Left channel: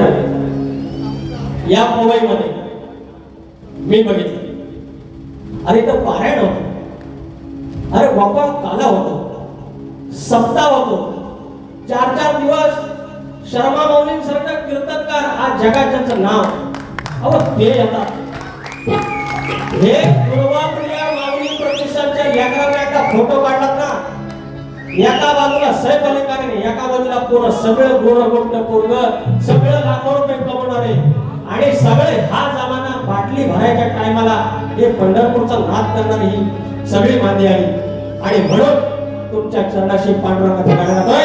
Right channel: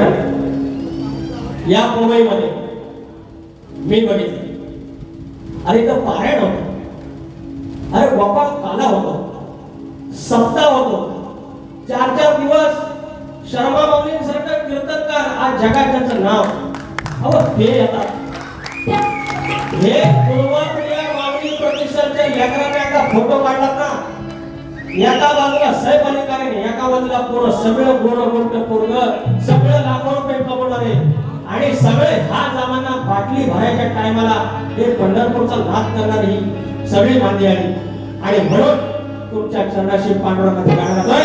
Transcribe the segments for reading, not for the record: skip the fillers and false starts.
या मुंबईमध्ये मी बघितलं. अरे तो पारायण होतो, अरे गोपाळ काला होतो, सप्ताह होतो, 4-4 दिवस शर्मा माऊलींसारखं कीर्तनकार आज जगात ज्यांचं नाव अहो हे येतात. हे पूर्वाप्रिया माऊली प्रतिष्ठानच्या एका फोटो काढतात ना, एका बाजूला सैफ अली कारणी, एका बाजूला पूर्ण सगळं गोड पोरग, सगळं लाखो रुपये कमवणारे आणि सगळे हा जमाना बाटली भरायच्या टायमाला हे पंढरपूरचा नाद करणारी ही सगळी मांदी आली. आणि म्हणून तुमच्या चरणाशी पांडुरंगाचा गाणं गातोय.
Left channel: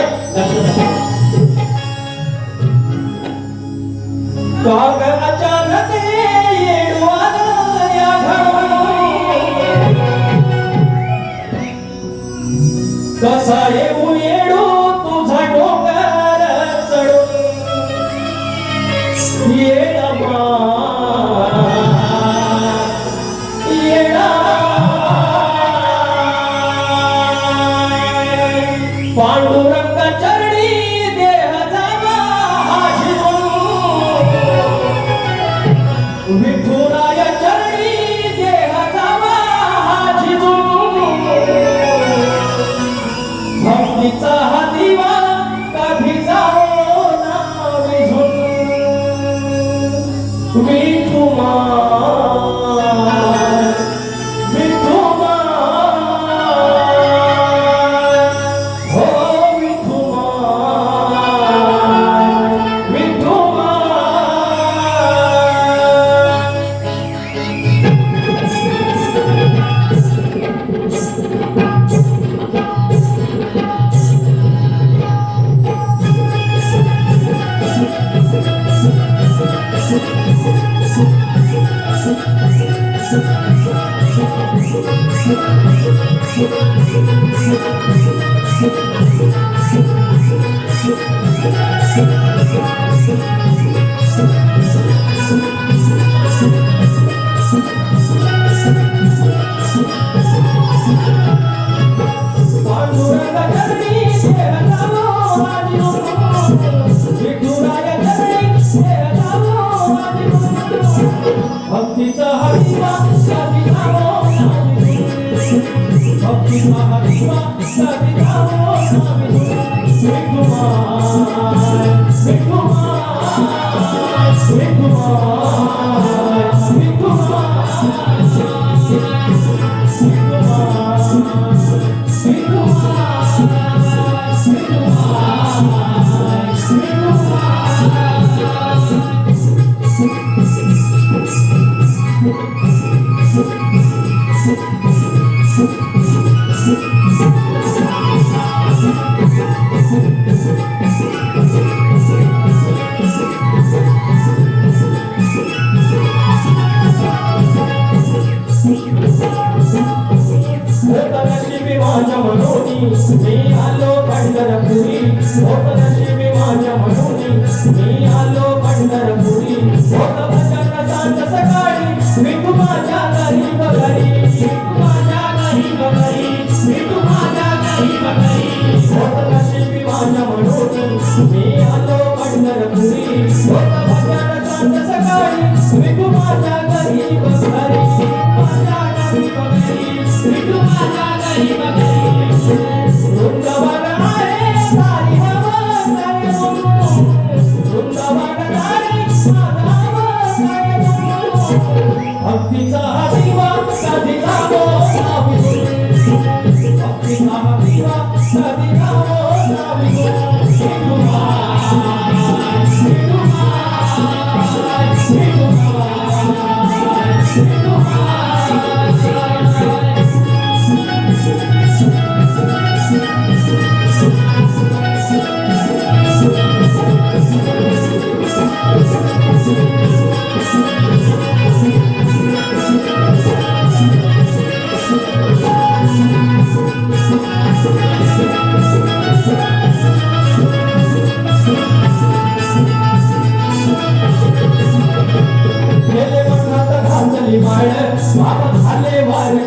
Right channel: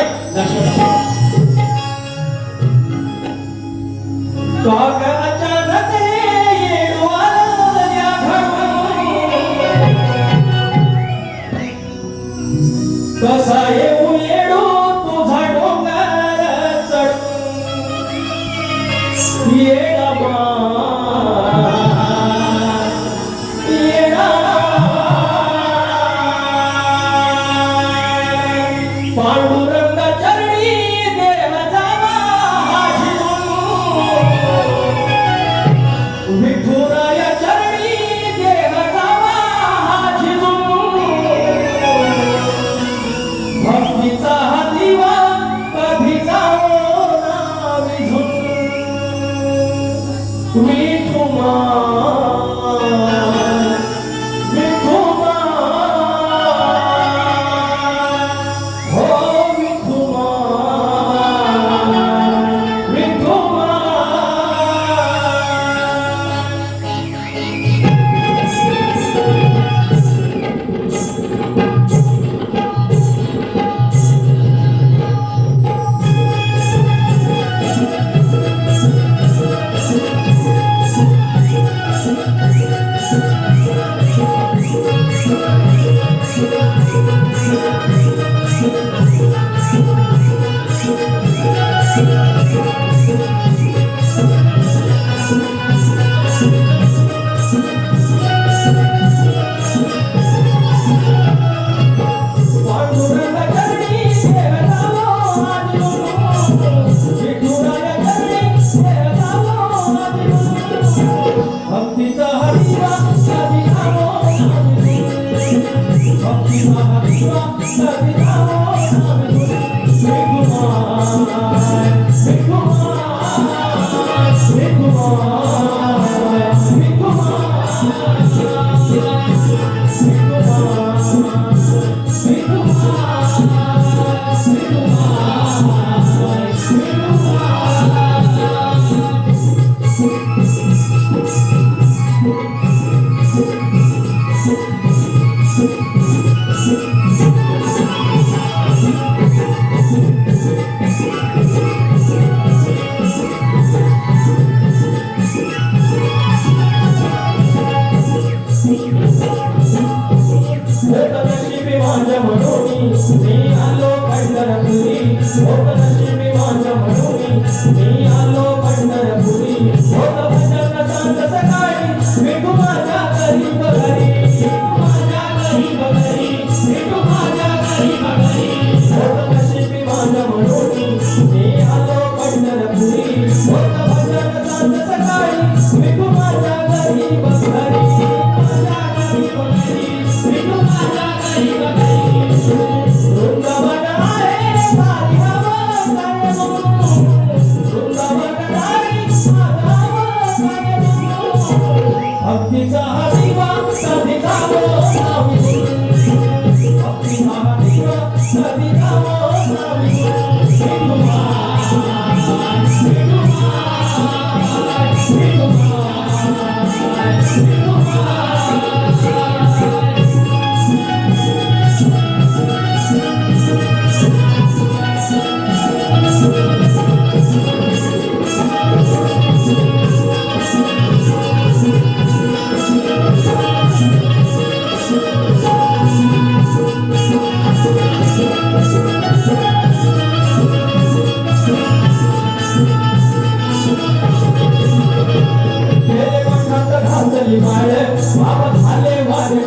कसा येऊ येडू तुझा डोंगर चढून येडा येडा पांडुरंग चरणी देह जावा विठुराय चरणी देह जावा भक्तीचा हा दिवा कधी जाओ ना विझून. विठुमा विठुमा हो विठुमा विठुमा. वार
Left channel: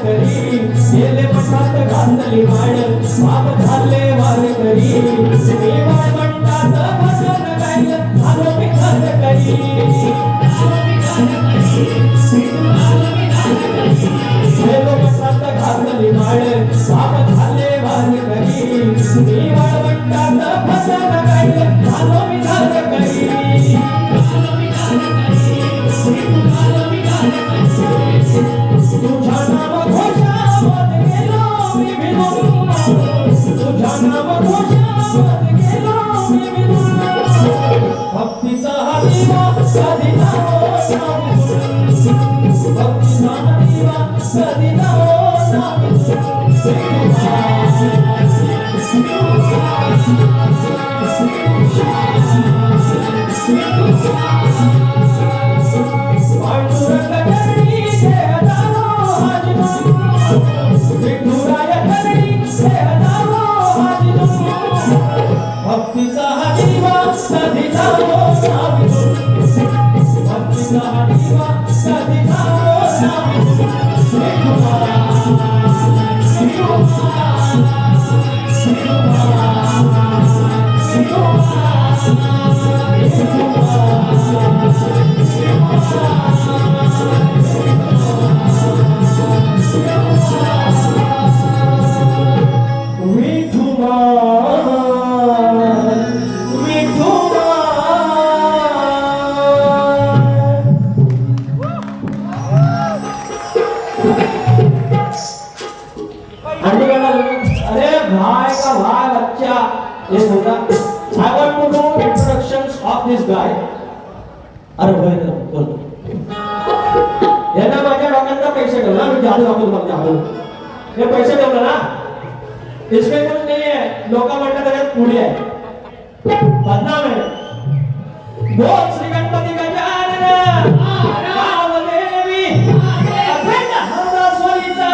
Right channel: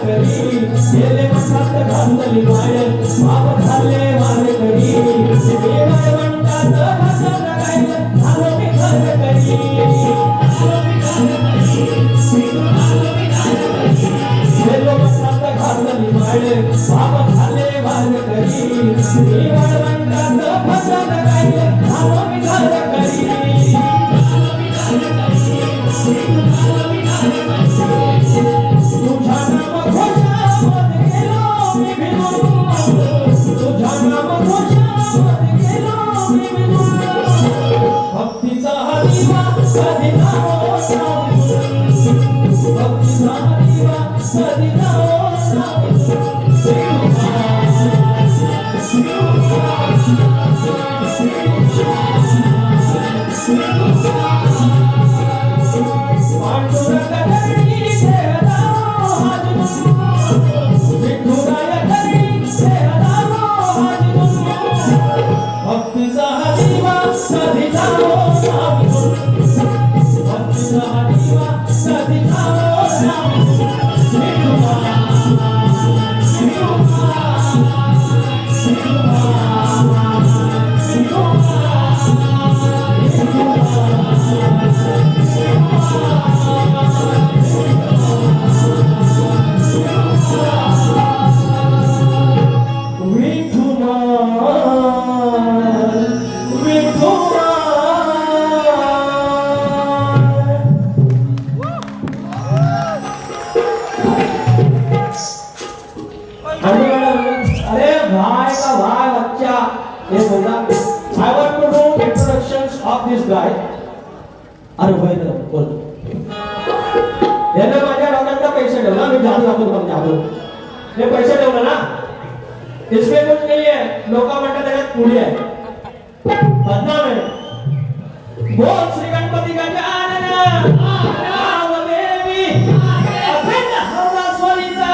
करी अरे होय ना बोल यांना माझ्या डोक्यात पैसे ठेवला मी जादू दाखवतो मग जादू हे पैसे ठेवलं ना इसमें कुछ नहीं है लोक म्हणतात त्याच्यात पुढे आहे बदनाम आहे बोल श्री गणपती गजानन महादेवी अखंड हरदासवरीचा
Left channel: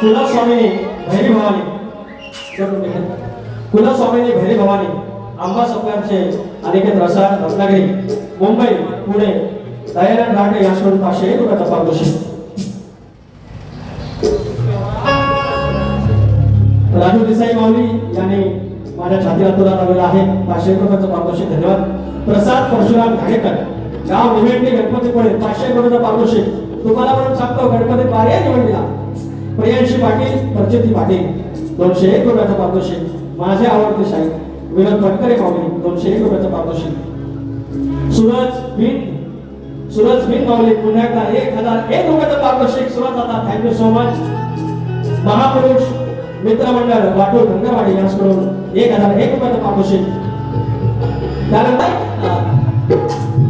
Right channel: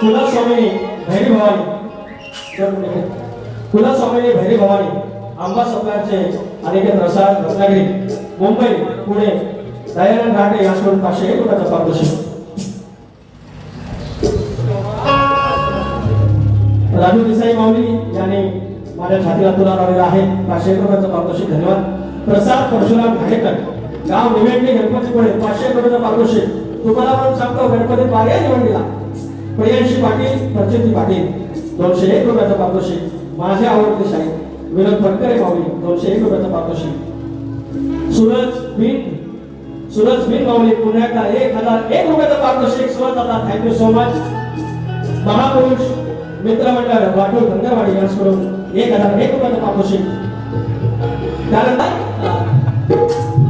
कुलस्वामिनी भैरी भवानी कुलस्वामिनी भैरी भवानी आंबा सप्लायरचे अनेक प्रसाद रत्नागिरी मुंबई पुणे दयानंद घाटे याकडून 501 रुपयाचा पारितोषिक राजू देसाई माऊली यांनी माझ्या छातीला तुला लावलेला आहे 501 रुपयाचा पारितोषिक धन्यवाद प्रसाद परशुराम घाणेकर गाव निवेटली गणपतीपुळे 501 रुपयाचा पारितोषिक तुम्हाला पण सांगतो गणपती पार्या निवडला प्रियांशी पाटील प्रचिती पाटील 201 रुपयाचा पारितोषिक माझे आवडते शाहीर विनोद फडकरे माऊली 201 रुपयाचा पारितोषिक सूरज बिन माऊली पुण्याचा 1001 रुपयाचा पारितोषिक सूरज दादा थँक्यू सो मच महापुरुष मित्रमंडळ वाटूर गंगावाडी यांच्याकडून 1001 रुपयाचा पारितोषिक त्यानंतर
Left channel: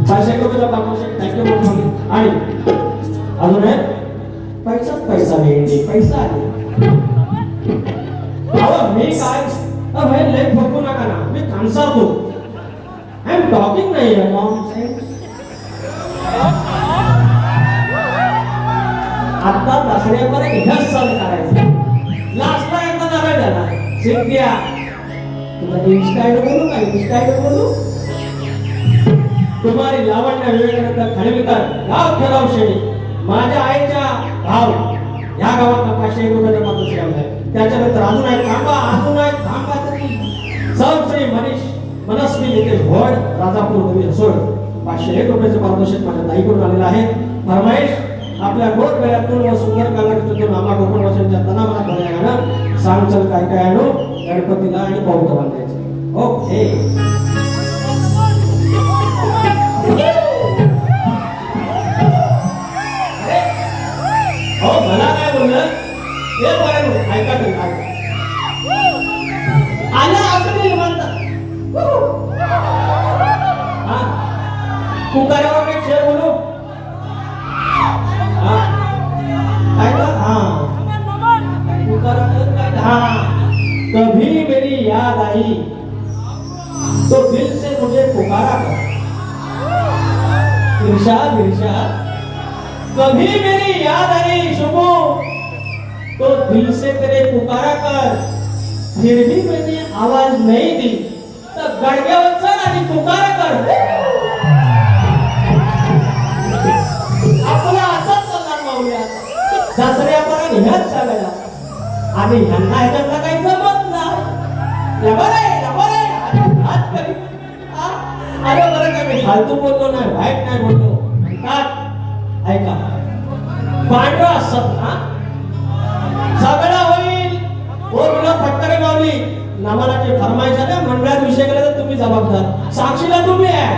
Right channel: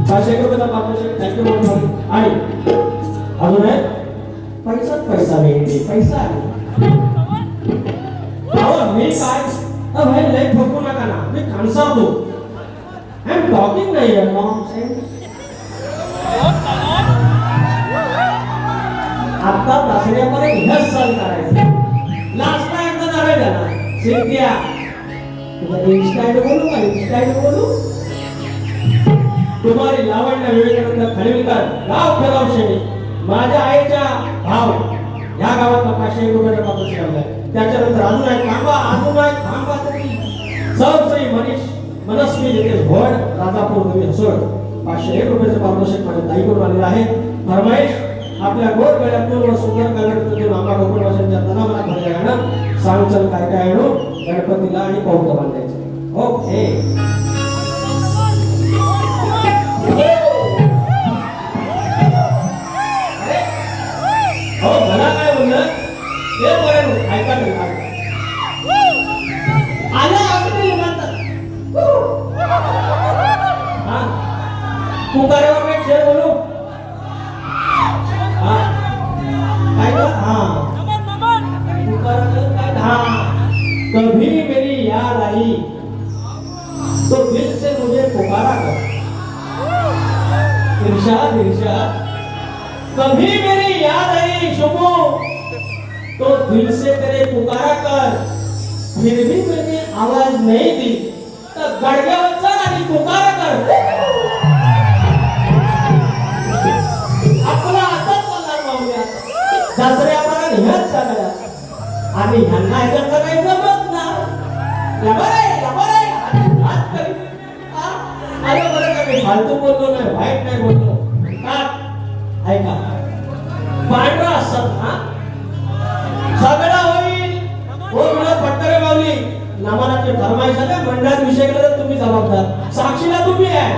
501 रुपयाचा पारितोषिक थँक्यू आणि अजून पैसा भेटले पैसा आले मी काय भाई लय ठोकू नका ना मी कांसावतो आय एम टॉकिंग नाही आता दसऱ्यामध्ये ह्याच चाल करायचं लास्टला एकदा जावे त्याला सिद्ध्या तुला इंस्टाईड बोलू का इंस्टाईड बोलू तुम्हारी लावण्य विवेकानंद खाडीलकर गाव खेळावशे माझ्या आईच्या भाव या गावात 500 रुपये मागून आहे. त्याच्यानंतर अजून आहे थांबा तरी श्री मनस्वी येथे घोड राजापूर नदी हसोड 501 रुपयाचं पारितोषिक माझ्या ताईकडून आलेलं आहे. फरमाईश आपल्या गोड गळ्यातून व सुंदर कालावधीतून आम्हा कोकण भाषेच्या तनामनात भरल्या सांगचल काय आणू गणपतीला आणि पौत्र बांधायचं. ओके मला काय बोललं हे बरं ऐका आला असं म्हणतात कुकारावर काही शेर बोलू कभी मेरी याद आई तो दिल से मुझे पुकारा कर इरशाद इरशाद कभी मेरी याद आई शुभो तो दिल से तेरे पुकारा कर फिर भी मैंने आवाज नहीं दी तर गडग्यावर चढ आणि पुकारा कर. आपला असाच चालणार माऊली दसऱ्याला निघत चालला आणि ह्यांना ह्याच्यातलं काही जमत नाही. अरे बरं का मी फालतू बोललो नाही वाईट नाही बोललो. ऐका पांढरा सत्ता सगळं होईल हो विनोद फटकरे माऊली नामानाची फरमाईश आहे मंडळात विषय केला तर तुम्ही जबाबदार साक्षीला तुम्ही आहे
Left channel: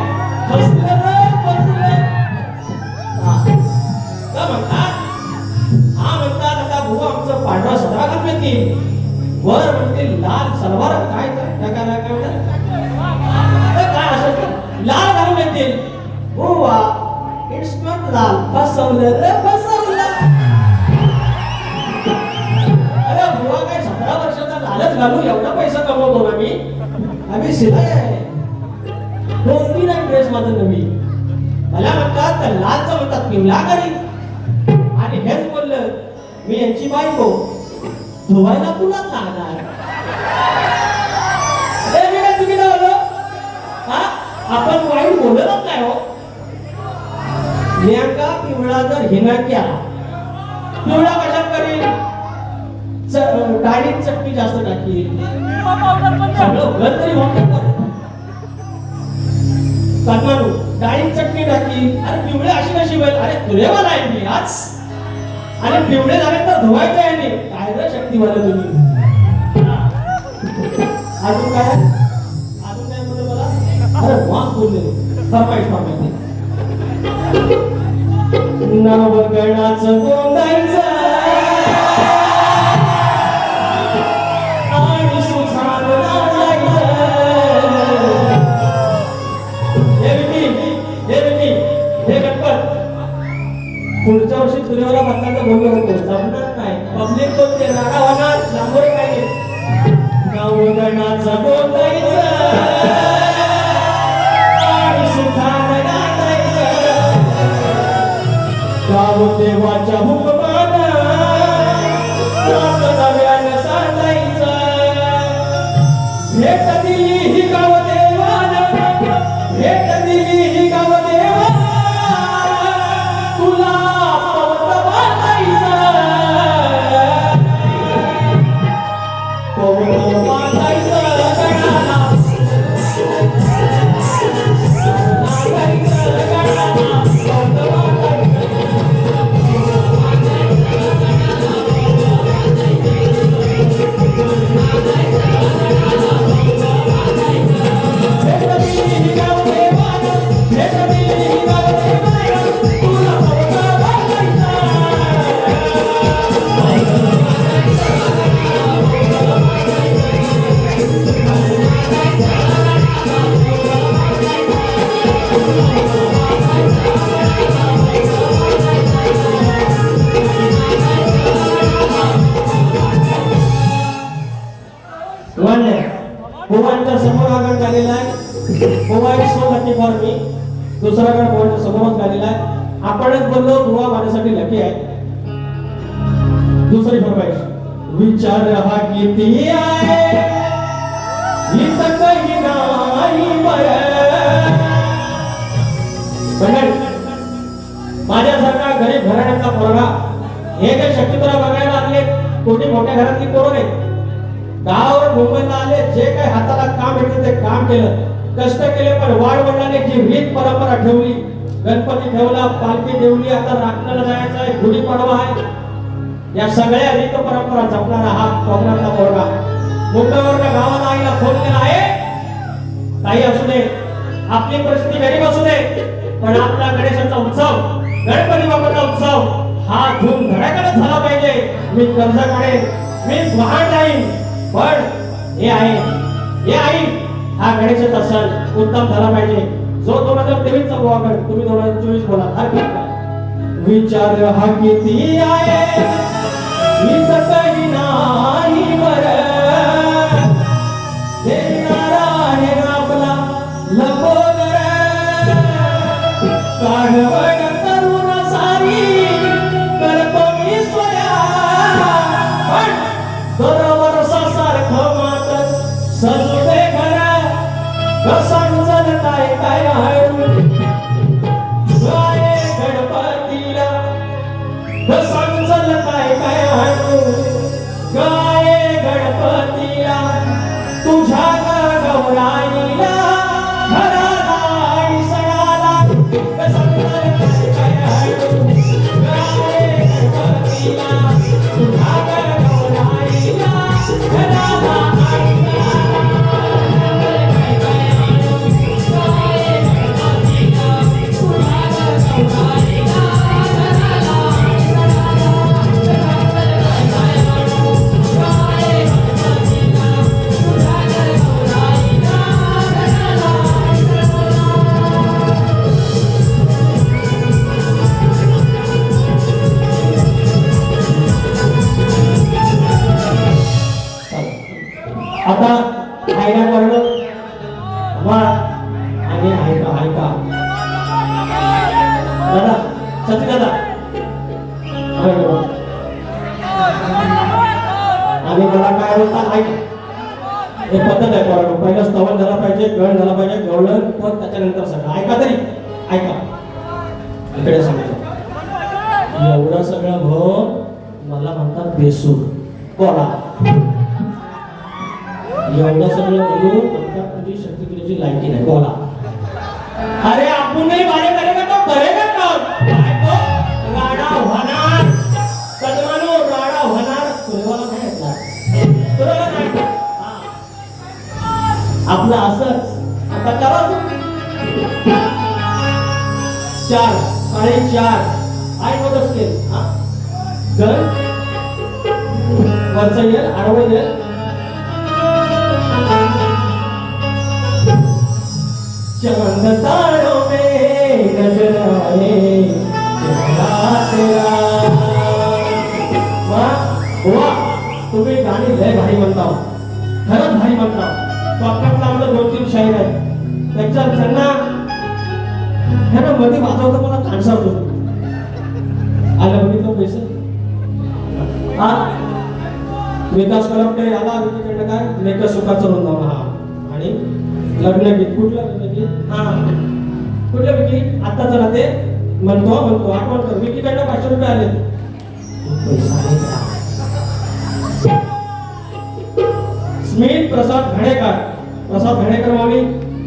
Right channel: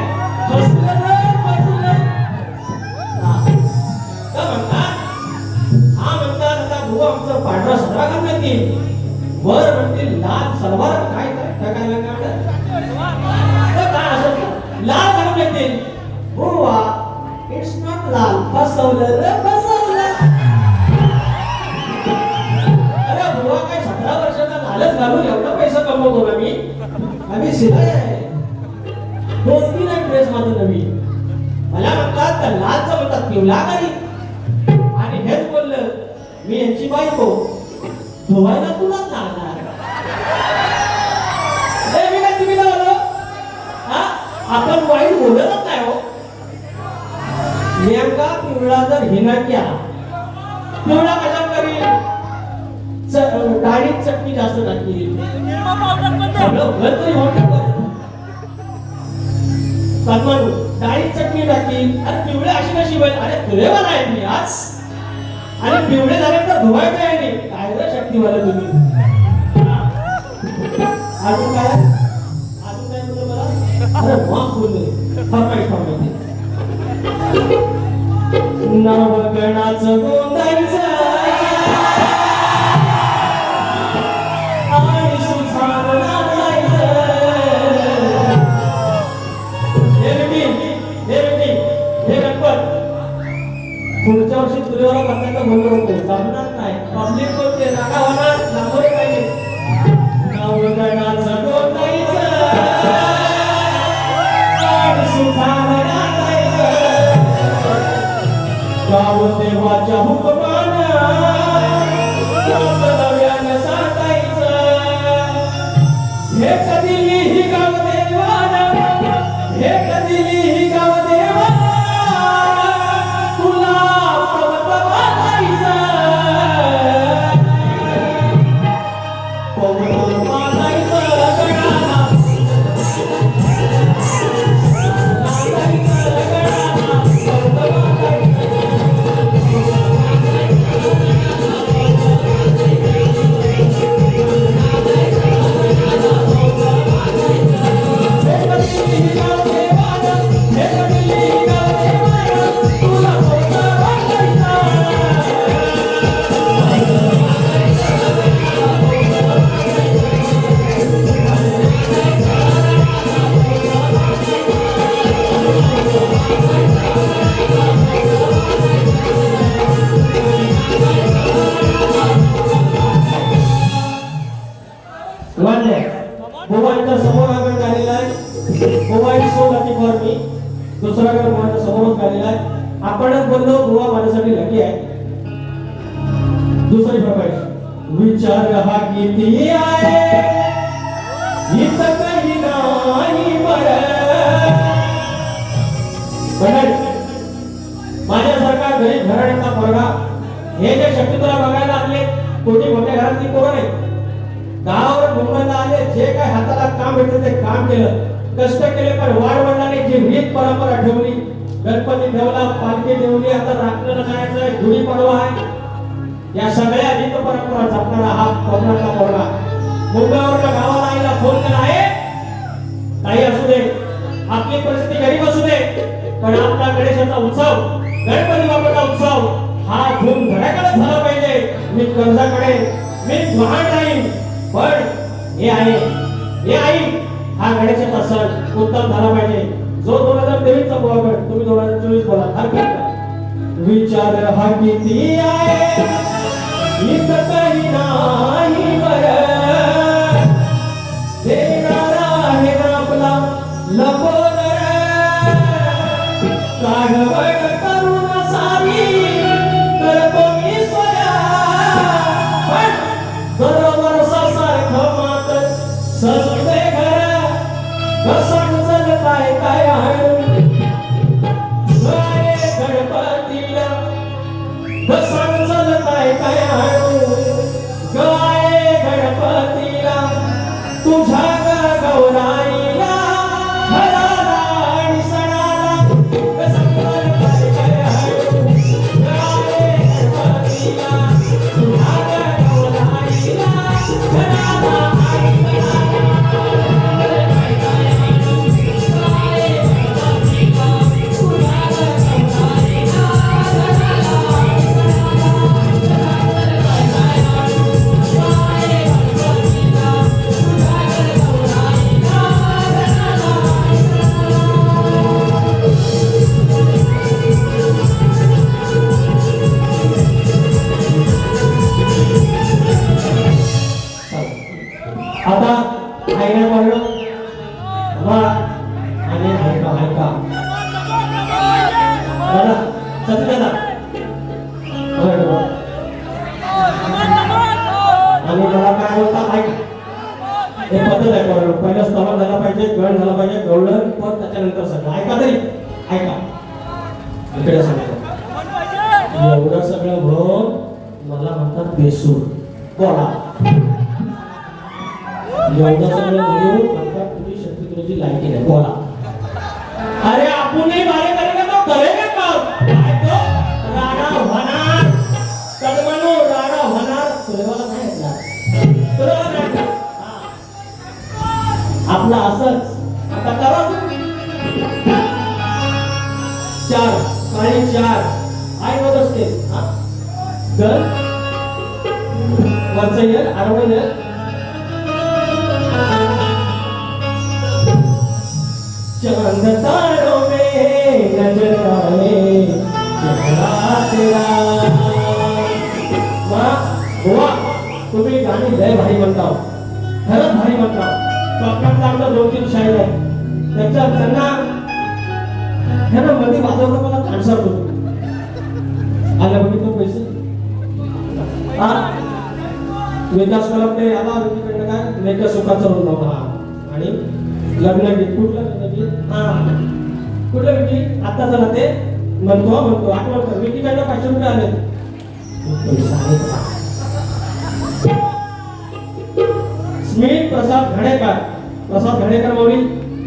हा म्हणतात आता भाऊ आमचं पांढरा सदरा घालून येतील वर म्हणते लाल सलवार काय काय असं लाल घालून येतील बुवा इट्स नॉट लाल फसवलं रे फसवलं. अरे बुवा काय 17 वर्षाचा लालच घालू एवढा पैसा कमवतो ना मी आम्ही शिलाई आहे 2-3 ड्रेस माझं नवीन मला म्हणतात तर लालचं म्हणतात पिवळा कधी आणि हेच बोललं मी यांची बायको धुवायला तुलाच लागणार. मी काय तुम्ही ना बोललो हा आपण वाईट बोलतच नाही हो. नेमका पिवळा जर हिना केला पिवळा कशात करील डाळीत चटणी जास्त टाकील सगळं घर तरी होतं डाळीत चटणी टाकील अरे पिवळे अशी कशी होईल अरे तुले मला आहे मी आज आणि पिवळे झाले तर धुवायचं आहे नाही काय रे शक्तीवाले तुम्ही. अजून काय म्हणतो मला अरे वा बोलले फरमाईश नवगणाचं गोंदायचं आणि सुखानं नाचायचं. हे गणपत पुढच्या वर्षी तुझ्यावर बघताना बोललो होतो जमणार नाही पब्लिक बोलते राडा होणार लांबोरे पाहिजे. नवगणाचं गोंदायचं आणि सुखानं नाचायचं गाव देवाच्या हुकमानं नव्यानं सांगायचं भेट दिली ही गाव देवानं भेट दिली ही गाव देवानं तुला पवत बांधायचं पवत बांधायचं गणाला बुवांच्या समोर आगमन झालेला आहे. बुवा is so lucky for me. दुसरा गण बुवांच्या समोरच झालेला आहे. आपणच बोललो बुवा माझ्यासाठी लकी आहे. दुसरी फरमाईश विचार हा किती आहे इथं काही नाही माझ्यासारखा गरीब घराण्याचा पोरगा हे जे शक्यतोला बघायला आले कोणी मोठ्या घरातली पोरं नाही, गावावर मुंबईला आले, जे काही हाताला काम भेटलं ते काम केलं, कष्ट केले, पण वाडवडिलांनी जी रीत परंपरा ठेवली, गणपती ठेवला, पालखी ठेवली, आता राखण्याला जायचं आहे, गुढीपाडवा आहे, या सगळ्या रीत परंपरा जपणारा हा कोकणातला पोरगा मुंबईवरच्या गावाला आईला फोन केला आहे, काही असू दे, आपली परिस्थिती गरीब असू दे, पण आपला गणेशाचा उत्सव, गणपती बाप्पाचा उत्सव हा धूमधडाक्यात झाला पाहिजे. मी कर्ज काढेन, मी महान राहीन, पण हे आई हा गणेशाचा सण उत्तम झाला पाहिजे. जो 2023 चा बोला, तुम्ही 2024 बोला, हरकत नाही. विचार हा किती आहे काही नाही बरं, देणारा आहे आपला लपोदर, काढवण करून सारी करतो मी स्वया, पण बरोबर सारखं मात सजते घर, घसण जल काय काय हळू गाय गणपतीला, घसण जल काय काय हळू गाय गणपतीला, तुझ्या गौराईला घराला आणि सणाला, घसण जल काय काय हळू गाय गणपतीला, तुझ्या गौराईला घराला आणि आता आईला कळलं वा आणि ऐका दादा सती दादा आणि मला काय होता ऐक, हे पद्धत आहे कळलं, पहिला स्तवन झाला पाहिजे, गळ झाला पाहिजे, गवळण पण त्याच्यानंतर सगळं ऐका तरी ऐका. इकडे सांगतो एवढं सगळं हो मला म्हणतात बेसूर बोला, एवढं सगळं बोलून आता तुझी शत्रुघ्नाची लायकी नाही बोला. अरे आपण नाही बारे करेगा तो करेगा काम, ऐको राडा होणार सदमानो, राडा होणार तुला नाही येणार, तुला नाही आपलं असंच आता करा. 4 4:30 आई वर असते हा घर वरचं येईल आडवं येईल, चांद तारों में गजराए चेहरा तेरा. वाह तुम्ही गाणी लय भारी म्हणता, खरंच भारी म्हणता. कोकणातला आपला 2-3 शाहीर आहे, त्याच्या त्यांना मध्ये वाजवता मला खानसार होतो. आलं बघितलं पैसे हा विकास करपटे याला तिकडे काय लेख सुखाचं होतं हा, आणि लग्न गीत कुठलं लग्न गीत हा कुठलं गीत आता चला ते म्हणतो आठवण कर. मी तिकडनं 500 रुपये आले. स्मित प्रसाद घडेकर मौली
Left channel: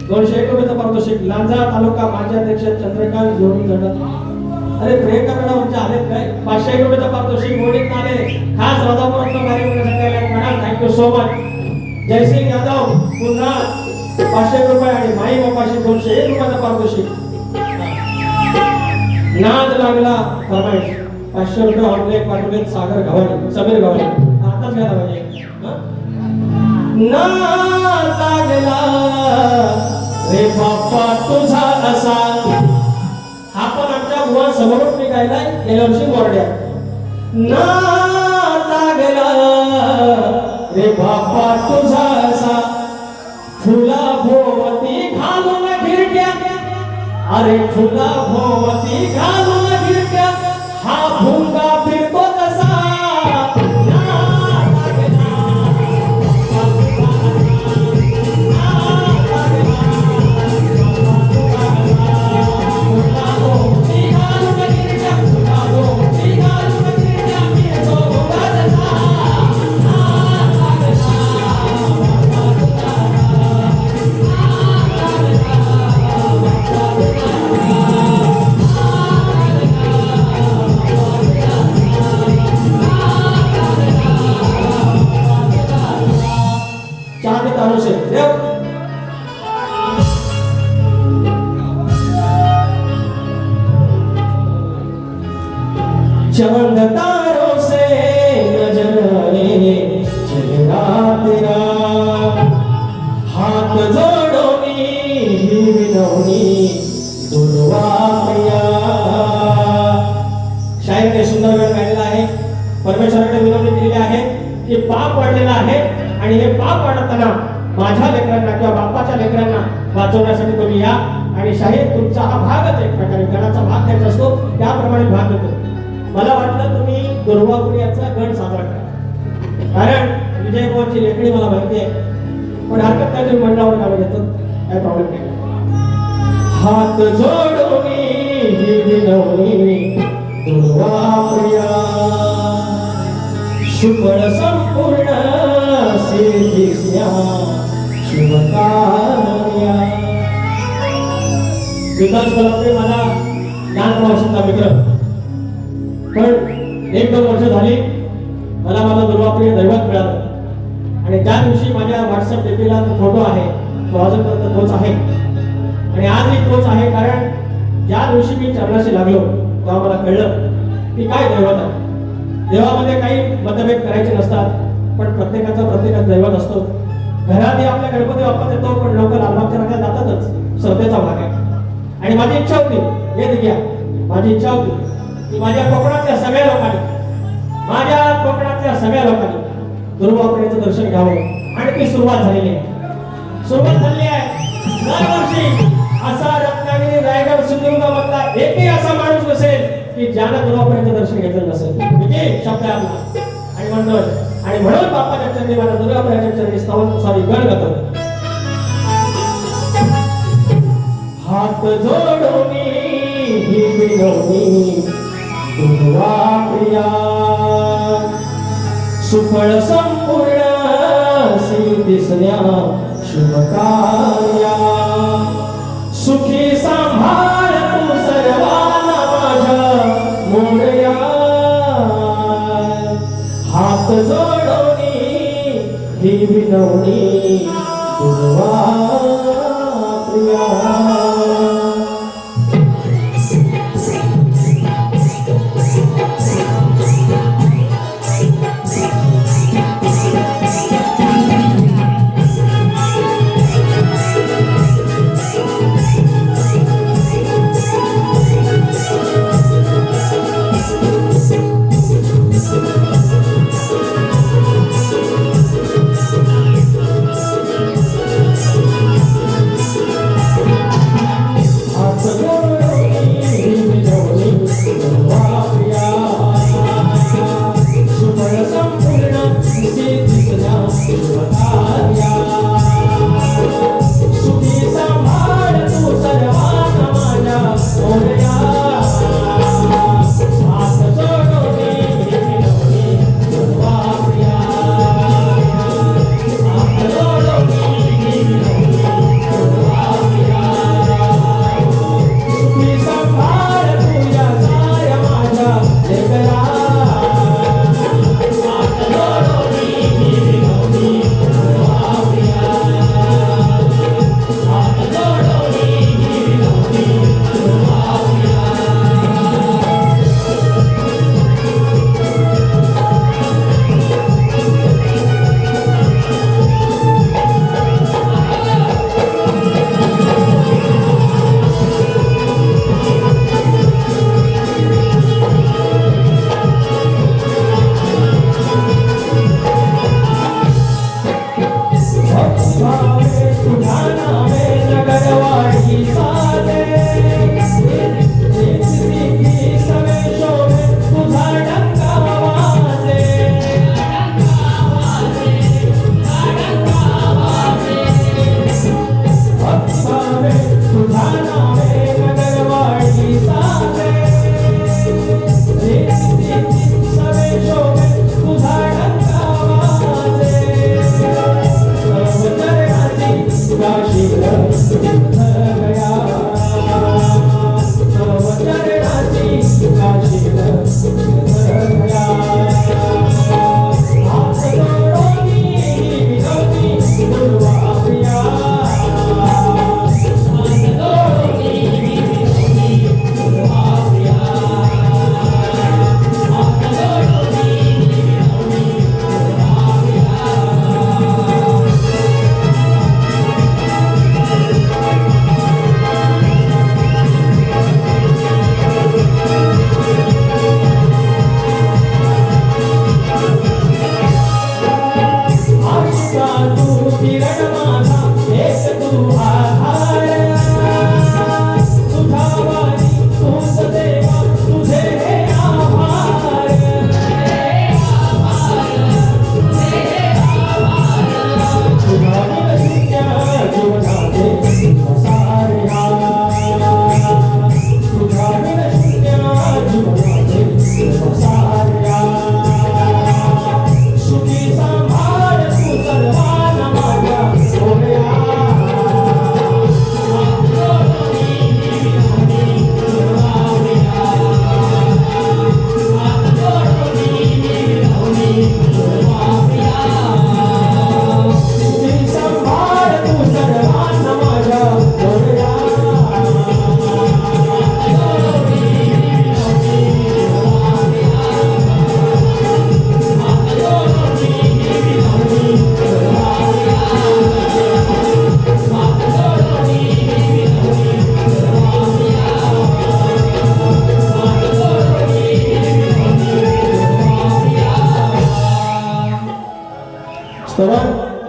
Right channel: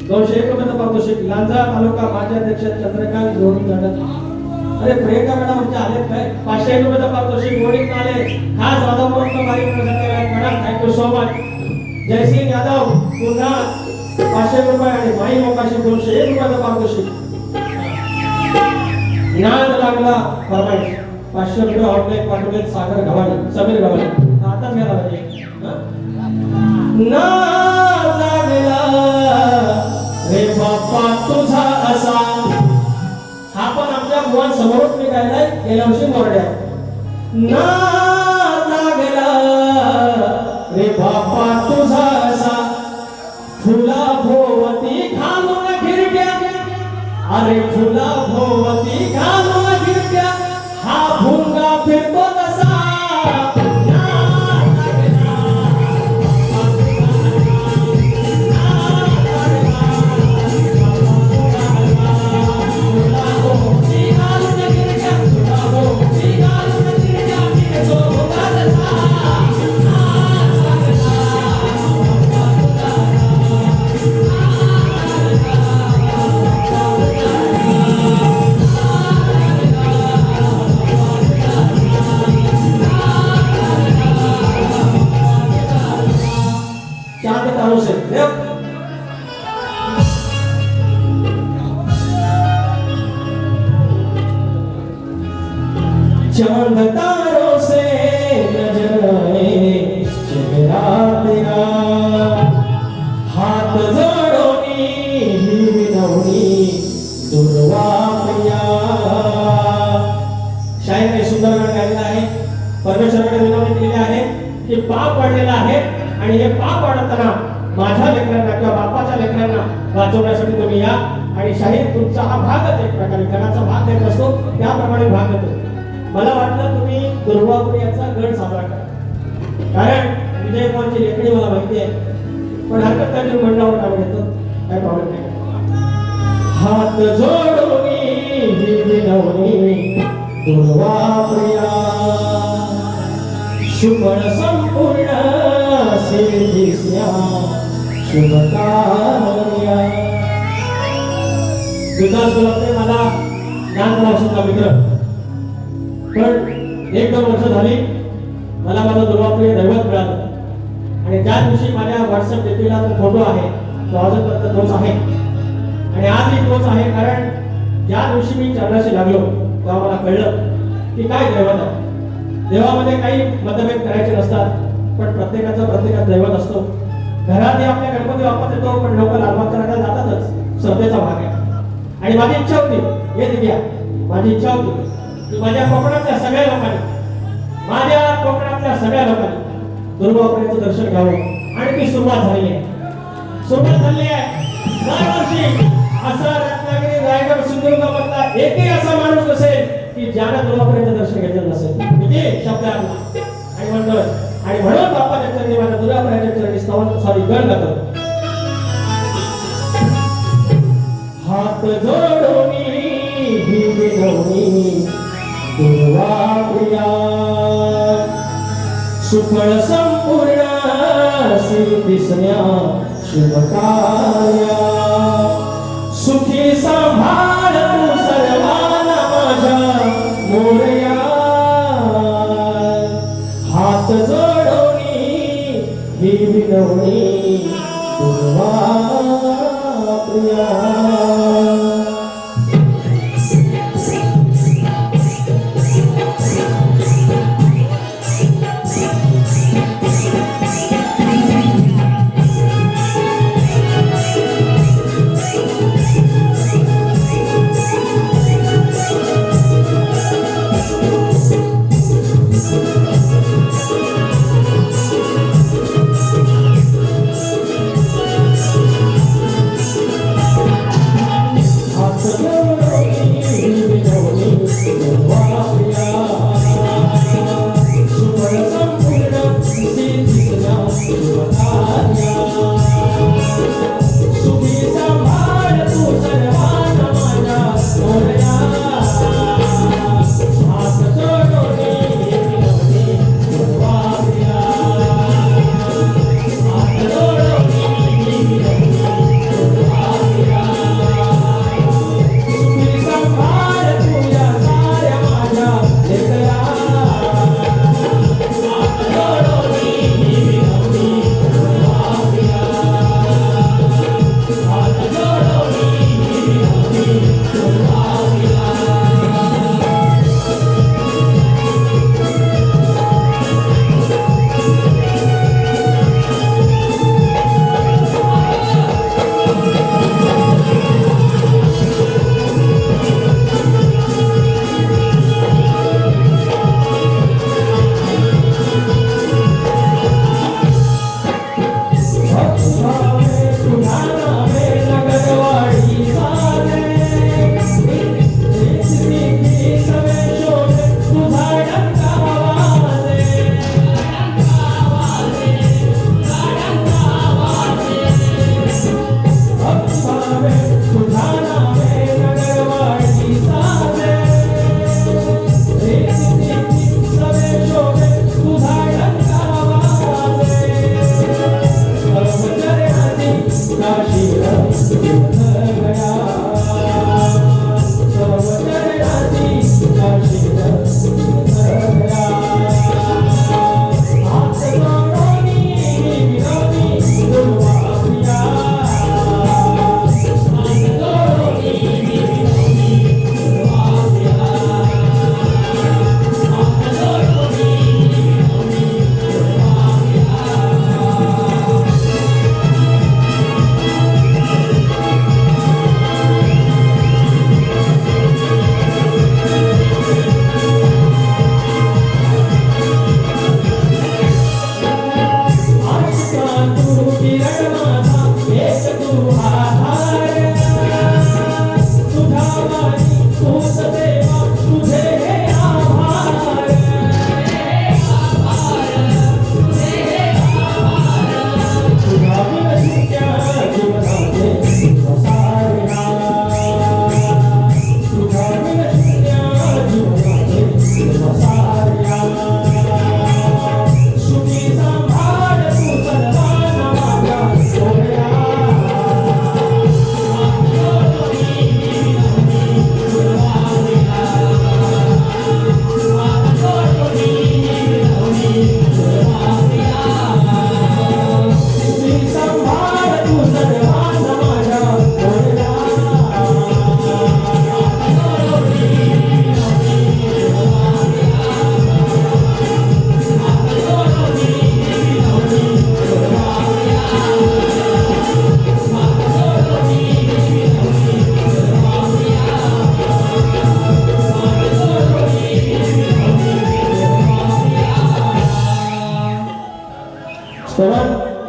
201 रुपयाचं पारितोषिक. लांजा तालुका माजी अध्यक्ष चंद्रकांत जोडी गट. अरे प्रियंका मॅडम आलेत काय 501 रुपयाचं पारितोषिक मोडीत आले. खास राधापुरम भारी करण्यासाठी आले madam, thank you so much. Jaisingh Yadav पुन्हा 500 रुपये आणि माई मोकाशी 201 रुपयाचं पारितोषिक. नाद लागला फरमाईश 500 रुपये ऑनलाईन पाठवले सागर गव्हाणे समीर गव्हाणे. आताच घ्यायला पाहिजे. नाद लागला रे बाप्पा तुझा असा, हा पण आमच्या बुवांसमोरून मी गायलाय गेल्या वर्षी मोरड्या. नाद लागला रे बाप्पा तुझा असा, फुला भोवती घालून गिरट्या, अरे फुला भोवती घालून गिरट्या, हा भुंगा फिरतो तसा. आणि तानू शेठ देव चमन तारों से नजराए चेहरा तेरा हात जोडोनी विनवणी दुर्वा प्रिया. शाहीर सुंदर वेळ काढलेला आहे. परमेश्वराने विनवणी केलेली आहे की पाप पडलेला आहे आणि हे पाप पडताना माझ्या लेकरांना किंवा बापाच्या लेकरांना वाचवण्यासाठी तुम्ही या. आणि शाहीर तुमचा हा भागच एक प्रकारे गणाचा भाग द्यायचा असतो त्याप्रमाणे भाग देतो. मला वाटलं तुम्ही दुर्वापुर्याचा गण साजरा करा कारण विजयभाऊची लेखणी मला माहिती आहे पण हरकत काय तुम्ही मंडळावर नाव घेतो काय प्रॉब्लेम नाही. हात जोडोनी विनवणी दुर्वापुर्या शुभळ संपूर्ण सिद्धिस्या शुभकार्या. विकास कलपते मला लहानपणापासूनचा मित्र पण एक दोन वर्ष झाली मला माझा दुर्वाप्रिय दैवत मिळालं आणि त्या दिवशी माझ्या व्हॉट्सअप डीपीला जो फोटो आहे तो अजूनपर्यंत तोच आहे आणि आजही तोच आहे कारण ज्या दिवशी मी चरणाशी लागलो तेव्हा मला कळलं की काय दैवत आहे. देवामध्ये काही मतभेद करायचे नसतात पण प्रत्येकाचा दैवत असतो. घरातही आपल्या गणपती बाप्पा येतो पण लोक लालबागच्या रांगेत जातातच श्रद्धेचा भाग आहे. आणि माझी इच्छा होती हे दिघ्या माझी इच्छा होती माझ्या कोकणातल्या सगळ्या लोकांनी दुर्वापुर्याचं दर्शन घ्यावं आणि ती सुरुवात झालेली आहे. दरवर्षी असा रत्नागिरी रायगड सिंधुदुर्गामधला एकही असा माणूस नसेल की ज्यानं दुर्वापुर्याचं दर्शन घेतलं नसेल. किती शब्द आहे आपला आणि म्हणलं आणि म्हणून बाप्पाच्या चरणी माझ्या दुर्वापुर्याच्या चरणी स्तवांसाठी गण गातो. हात जोडोनी ही विनवणी दुर्वाप्रिया सुफळ संपूर्ण सिद्धिस्या शुभकार्या. सुखी सांभाळ तू सर्वांना माझ्या मोरया. हात जोडोनी ही विनवणी दुर्वाप्रिया. प्रिया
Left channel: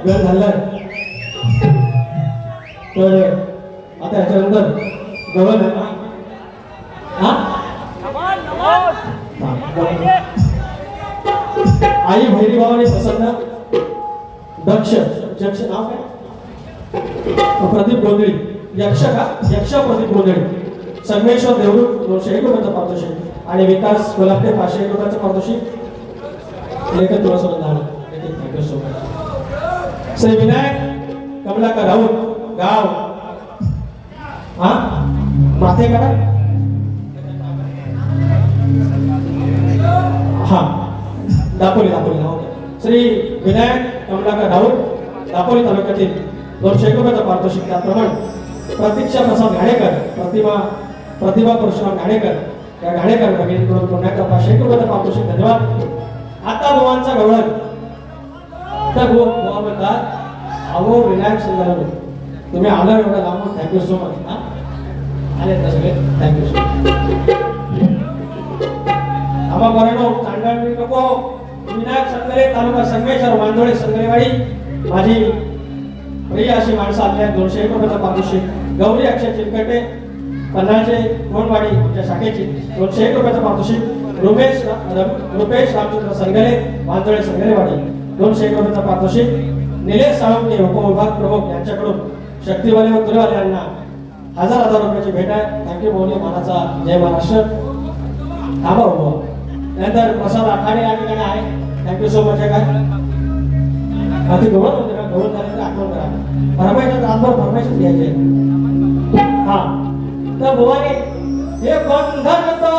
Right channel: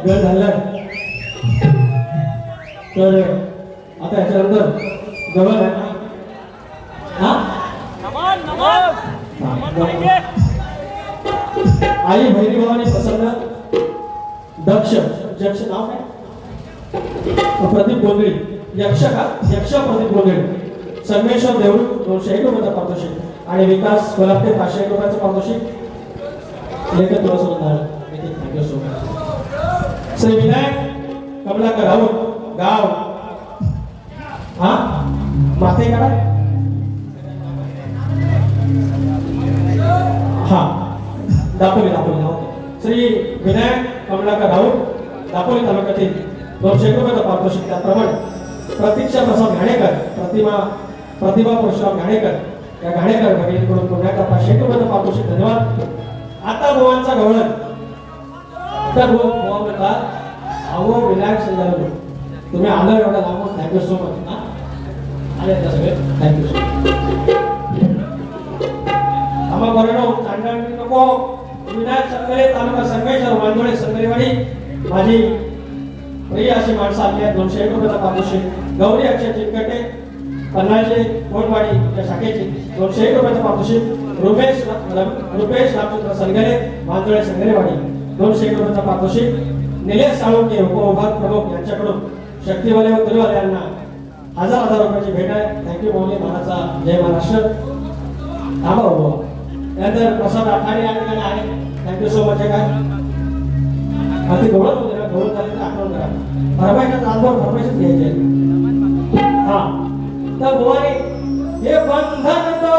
वेळ झालाय तर आता याच्यानंतर गवन आहे हा आई भैरी भावाने प्रसन्न दक्ष यक्ष नाव काय प्रदीप गोंधळी यक्ष का यक्ष प्रदीप गोंधळी संगमेश्वर देवरूप 201 रुपयाचा पारितोषिक आणि विकास कोल्हापूर 501 रुपयाचं पारितोषिक लेखक तुळासोबत झालं श्री विनायक कमलाकर राऊत गाव हा माथे करा हा दापोली श्री विनायक कमलाकर राऊत दापोली तालुक्यातील 201 रुपयाचा पारितोषिक त्याप्रमाणे प्रतीक्षा प्रसाद घाणेकर प्रतिभा परशुराम घाणेकर या घाणेकर भगिनीकडून पुन्हा एकदा 501 रुपयाचा पारितोषिक धन्यवाद. आता गोवांचा गवळण तर गोवा म्हणतात अहो विनायक सुंदर तुम्ही आला एवढा लांबून थँक्यू सो मच हा आले ना सगळे थँक्यू सो मच आम्हा बरं चांडाळी नको विनायक संगरे तालुका संगमेश्वर वांदोळे संगरेवाडी माझी प्रिय अशी माणसं आली आहेत 201 रुपयाचा पारितोषिक गौरी अक्षय चिमकटे पन्हाळचे कोणवाडी या शाखेची 201 रुपयाचा पारितोषिक रुपेश रामचंद्र संगरे वांदोळे संगरेवाडी 201 रुपयाचा पारितोषिक निलेश साळुंके उपविभाग प्रमुख यांच्याकडून शक्तीवाले व तुरेवाले यांना 1000 रुपयाची भेट आहे. थँक्यू मौली मानाचा जय महाराष्ट्र थांबा उभा नंतर प्रसाद आखाडे या ठिकाणी आहे थँक्यू सो मच काय ती गवळत होते ना गवळत झाले तर आठवण करा फरमाईशा तासभर फरमाईशच घ्यायचे हा तर गोवाने हे बंधन तो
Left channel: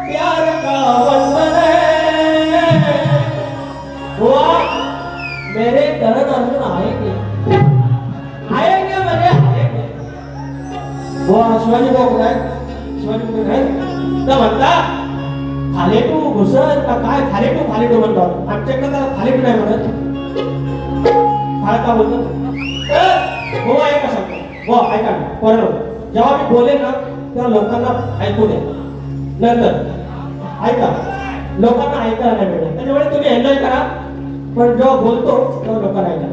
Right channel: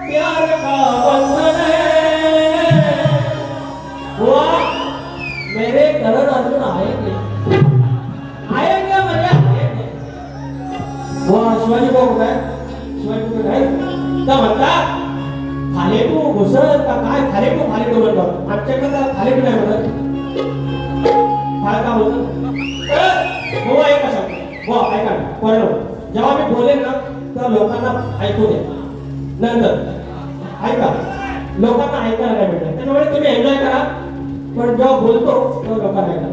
प्यार का बंधन है गोवा मेरे करण अर्जुन आएंगे म्हणजे आएंगे गोवा शिवाजी भाऊ काय शिवाजी भाऊ नाही तर म्हणता थालेटू घुसळ का काय थालेटू म्हणतात आमच्याकडे तर थालेटू नाही म्हणत फाळ का बोलतो तर गोवा ऐका सांगतो गोवा ऐका परण जेव्हा मी बोलेन ना तेव्हा लोकांना ऐकू दे नंतर ऐका लोकांना ऐकायला नाही भेटत त्याच्यामुळे तुम्ही एन्जॉय करा पण जेव्हा बोलतो तेव्हा लोकांना ऐका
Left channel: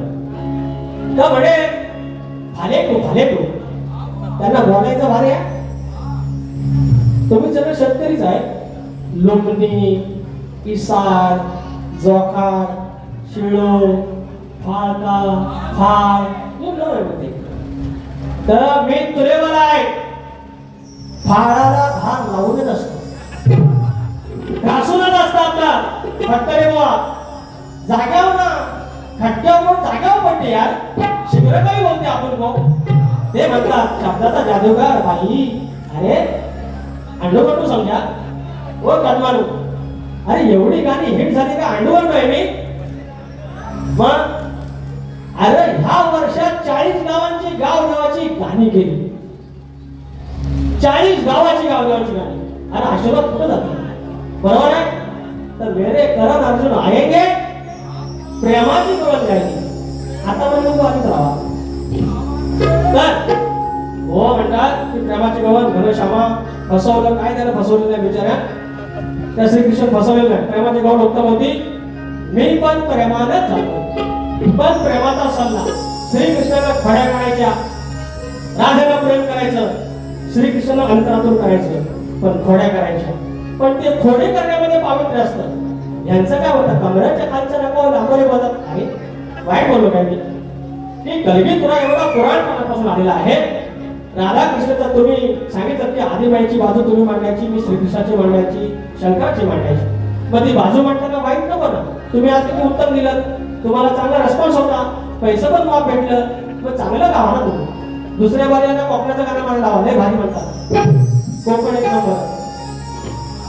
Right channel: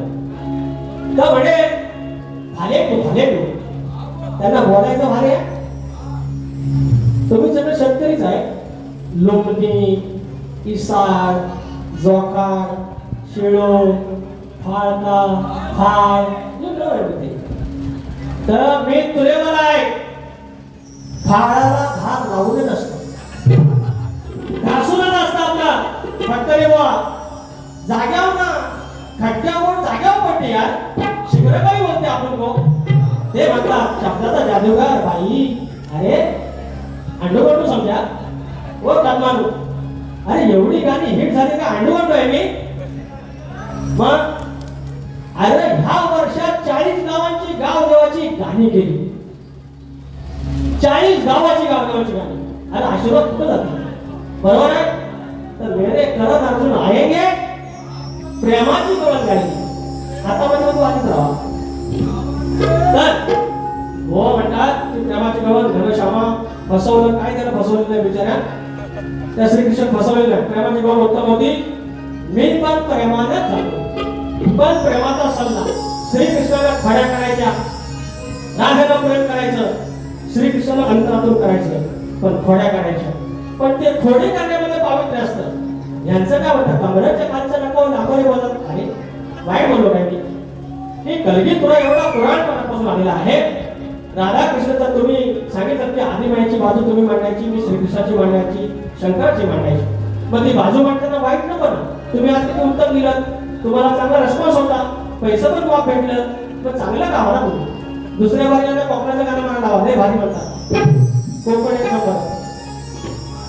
तर म्हणे थालेटू त्यांना बोलायचं भारी आहे तुम्ही सगळे शेतकरीच आहे लोमणी इसार जोखार शिळो फाळका फाळ तर मी तुरेवाला आहे फाळाला धार लावून असतो घासूनच असतं आपला फटकरी बुवा जाग्यावर ना खड्ड्यावर जाग्यावर पडते यार शिखर काही बोलते आपण भाऊ ते म्हणतात शब्दाचा जादूगार बाई अरे अंडोगंडू समजा ओ कदमानू अरे एवढी गाणी हिट झाली का अंडोगंडू आहे मी मग अरे ह्या वर्षात 40 गावांची गावदेवाची गाणी केली. 40 गावाची गावदेवाची गाणी. अरे आशीर्वाद कुठं जातो? बरोबर आहे. तर मेरे करण अर्जुन आएंगे प्रेमाची करून गायली. आता म्हणजे तू आधीच राहा. तर हो म्हणतात की प्रेमाची गवत घनश्यामा फसवलं. काय त्याला फसवलं नाही बिचाऱ्या. त्या श्रीकृष्ण फसवलेलं नाही. प्रेमाची गवत उत्तम होती. मी पण प्रेमानच चालतो. पण प्रेमाचा सल्ला श्रीकृष्णाला खड्या करायच्या, राधाला प्रेम करायचं, श्रीकृष्णाला अंतरातून करायचं, पण खोड्या करायच्या. पण ते खोडे करण्यामध्ये पावित्र्य असतं. यांचं काय होतं? कमराच्या खालचं नको लांबोरी बोलत. अरे वाईट बोललो पाहिजे की कलगी तुला एवढा पुराणपणापासून आलेला आहे. राधाकृष्णाचं तुम्ही सांगितलं की आदिमाईची बाजू तुम्ही मांडायची, मी श्रीकृष्णाची मांडायची, शंकराची मांडायची. मग ती बाजू मांडताना वाईट नको ना. तुम्ही आज किती उत्तम दिलं, तुम्हाला चांगला रिस्पॉन्स होता, पैसे पण माफ भेटलं, मग चांगलं गावा ना तुम्ही. दुसऱ्या बाजूला कोकणाचं गाणं मला लावा, लय भारी म्हणतात कोकण एक नंबर.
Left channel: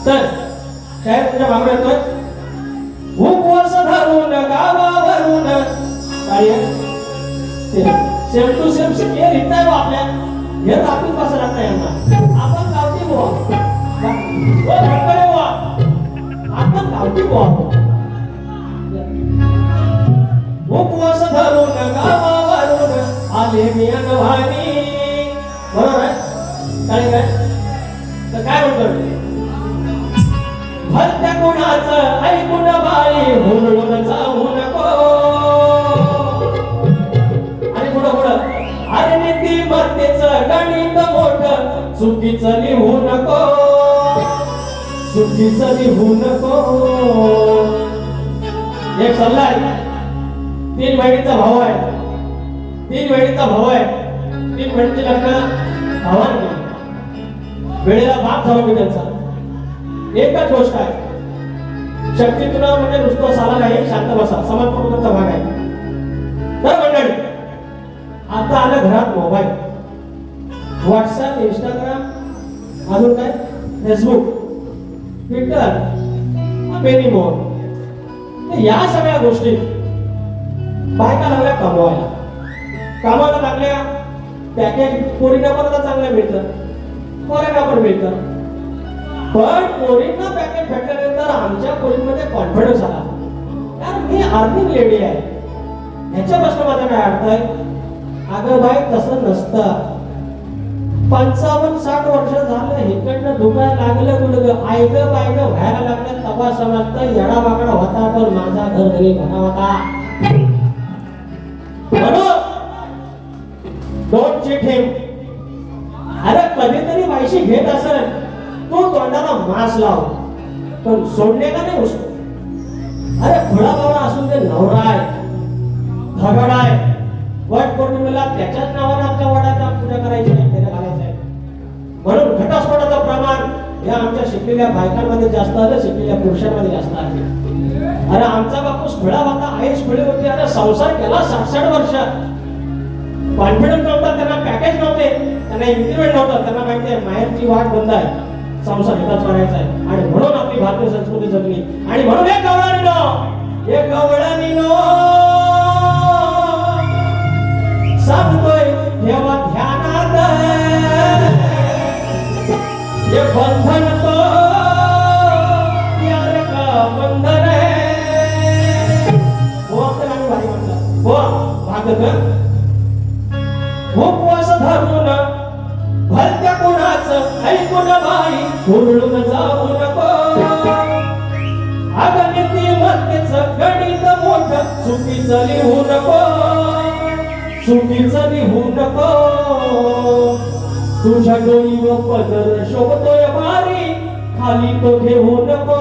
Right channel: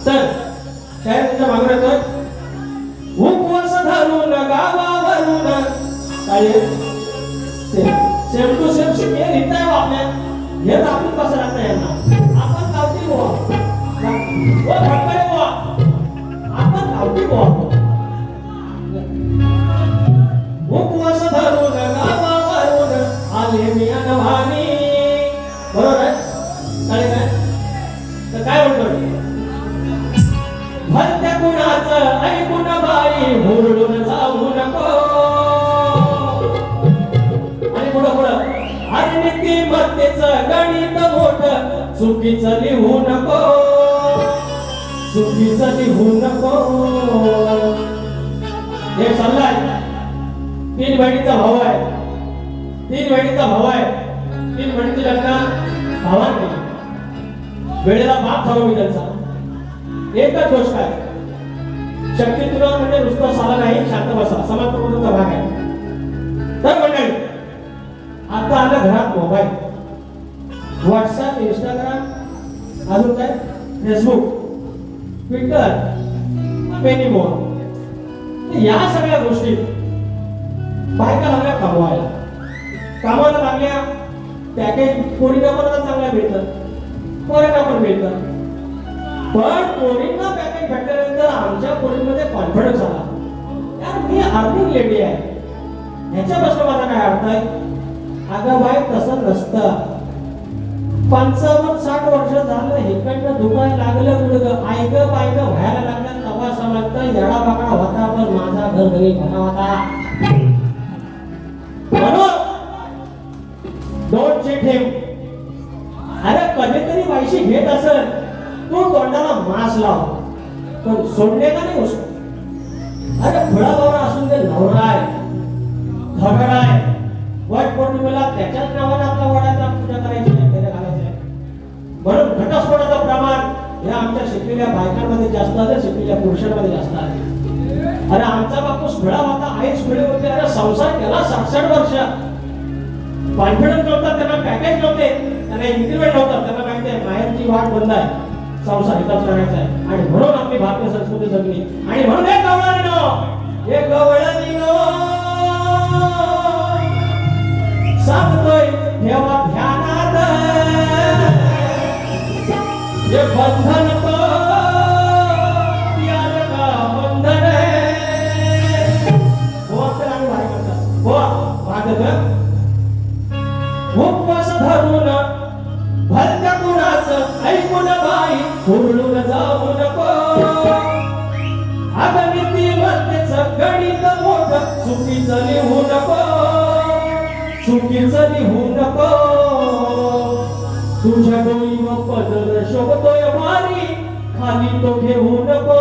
तर शाळेत तुमच्या मागणं येतोय उपवास धरून गावावरून सेम टू सेम हे लिहिता आहे आपल्या. हे दाखवून कसं लागतं यांना. आपण गावठी बुवा, भटकळे बुवा, आपण गावठी बुवा. उपवास धरून गावावरून आले मी अगवानी. बरोबर आहे. काय तर काय म्हणतो? भलत्या कुणाचं ऐकून बाई हुरडून जाऊ नको. आणि पुढं पुढं अरे नीतिमत्तेचं गणित मोठं चुकीचं लिहू नको, चुकीचं लिहू नको. एक सल्ला आहे. 3 बहिणीचा भाऊ आहे. 3 बहिणीचा भाऊ आहे. 3 बहिणीचे लग्न भावाने केली. वेळेला बाप झालो मी त्यांचा. एकच गोष्ट आहे, शक्ती तुला म्हणजे नुसतं साला नाही, शांत बसा, समाज प्रबोधनाचा भाग आहे. तर मंडळी आता आलं घरात मोबाईल, व्हॉट्सअप, इंस्टाग्राम, अजून काय फेसबुक, ट्विटर, पेनीमोन. या सगळ्या गोष्टी बायका लागल्या कमवायला. कामाला लागल्या पॅकेज पोरीला पण आता चांगलं मिळतं, पोरांना पण मिळतं. पण पोरींना पॅकेज भेटल्यानंतर आमच्या पोरींमध्ये कॉन्फिडन्स आला. यार मी अर्निंग लेडी आहे. ह्याच्यापासून माझा काय अर्थ आहे? अगं बाई तसं नसतं. 55-60 वर्ष झालं इकडनं दुकान लागलं गुडगं आयगं बायगं व्हायला लागलं तेव्हा समजतं येडा बाकडा होता पण माझा घरघरी भरा होता. म्हणून डोंट चीट हिम. अरे कधीतरी पैसे घेत असेल तो तोंडाला मास लाव, पण सोडणे का नाही उसको. अरे खुळा बाबा असून ते नवरा आहे, झगड आहे, वट पौर्णिमेला त्याच्याच नावाने आपल्या वडाचा पूजा करायची आहे, त्याला घालायचं आहे. म्हणून घटस्फोटाचं प्रमाण या आमच्या शिकलेल्या बायकांमध्ये जास्त आहे, शिकलेल्या पुरुषांमध्ये जास्त आहे. अरे आमचा बापूस खुळा होता, आईच खुळी होती. अरे संसार केला 67 वर्ष. कॉन्फिडन्स नव्हता, त्यांना पॅकेज नव्हते, त्यांना इन्क्रिमेंट नव्हतं. त्यांना माहिती आहे माहेरची वाट बंद आहे, संसार हिताच राहायचा आहे. आणि म्हणून आपली भारतीय संस्कृती जगली. आणि म्हणून एक गवळणीनो सांगतोय ठेवा ध्यानात हे बंधन तो यार का बंधन हो. आपल्याला भारी म्हणतात हो भागत उपवास धरून भलत्या कुणाचं ऐकून बाई हुरळून जाऊ नको. अगं नीतिमत्तेचं गणित मोठं चुकीचं लिहू नको, चुकीचं लिहू नको. तुझ्या डोळीवर पदर शोभतोय भारी खाली तो घेऊ नको.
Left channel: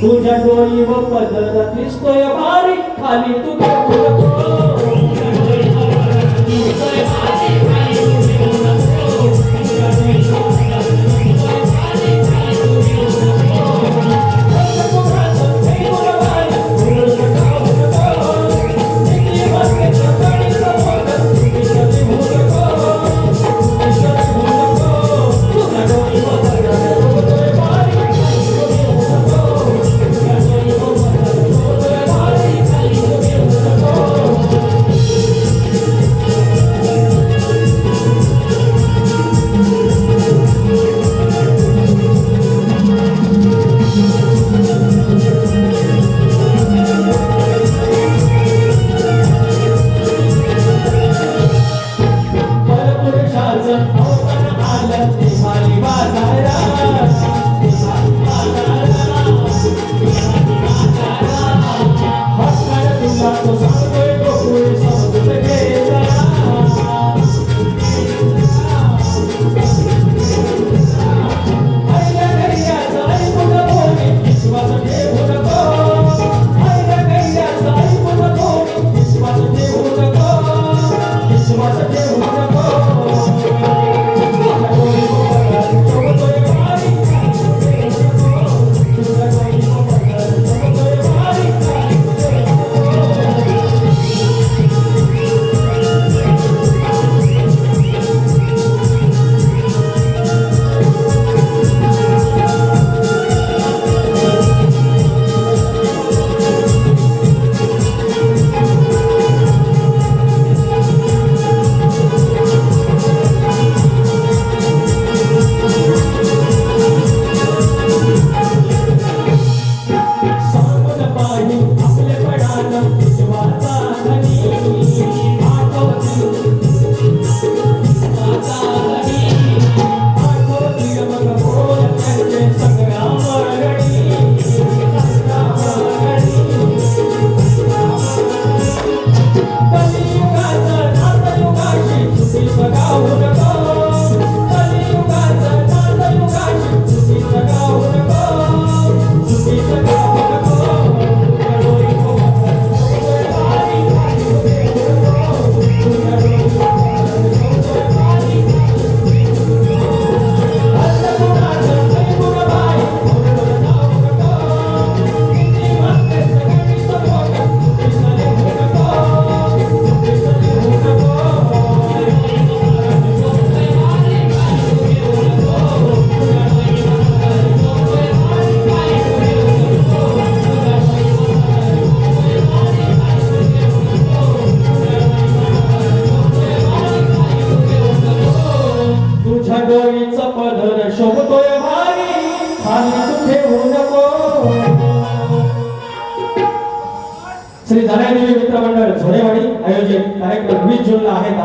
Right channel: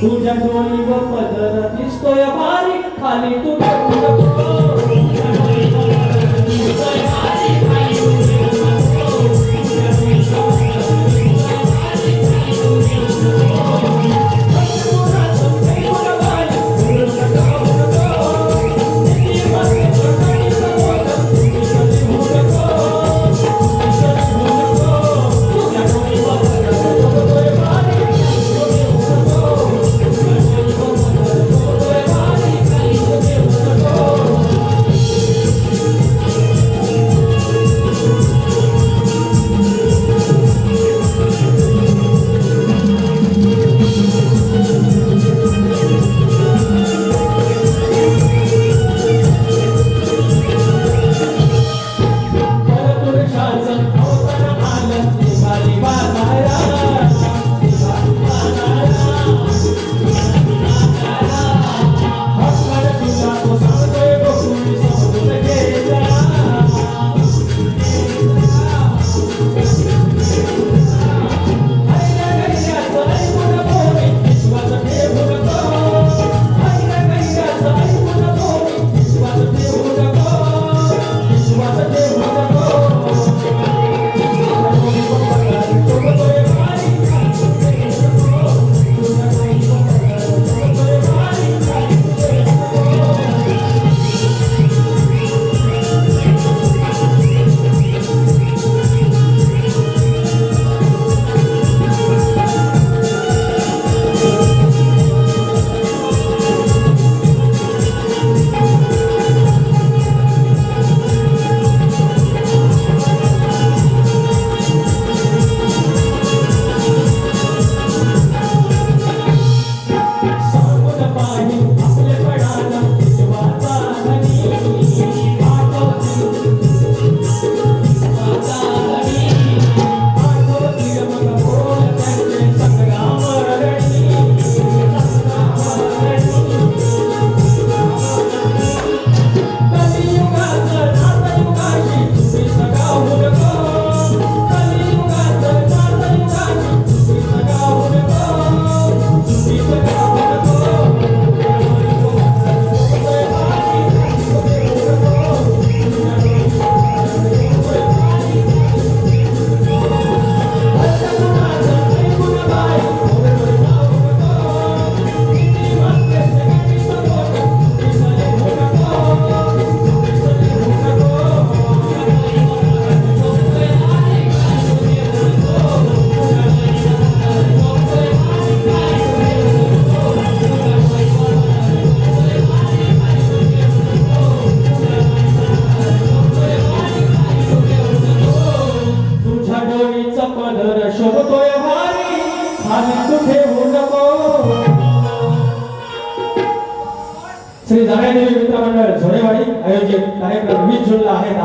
तुझ्या डोळीवर पदर दिसतोय भारी खाली तू घेऊ नको.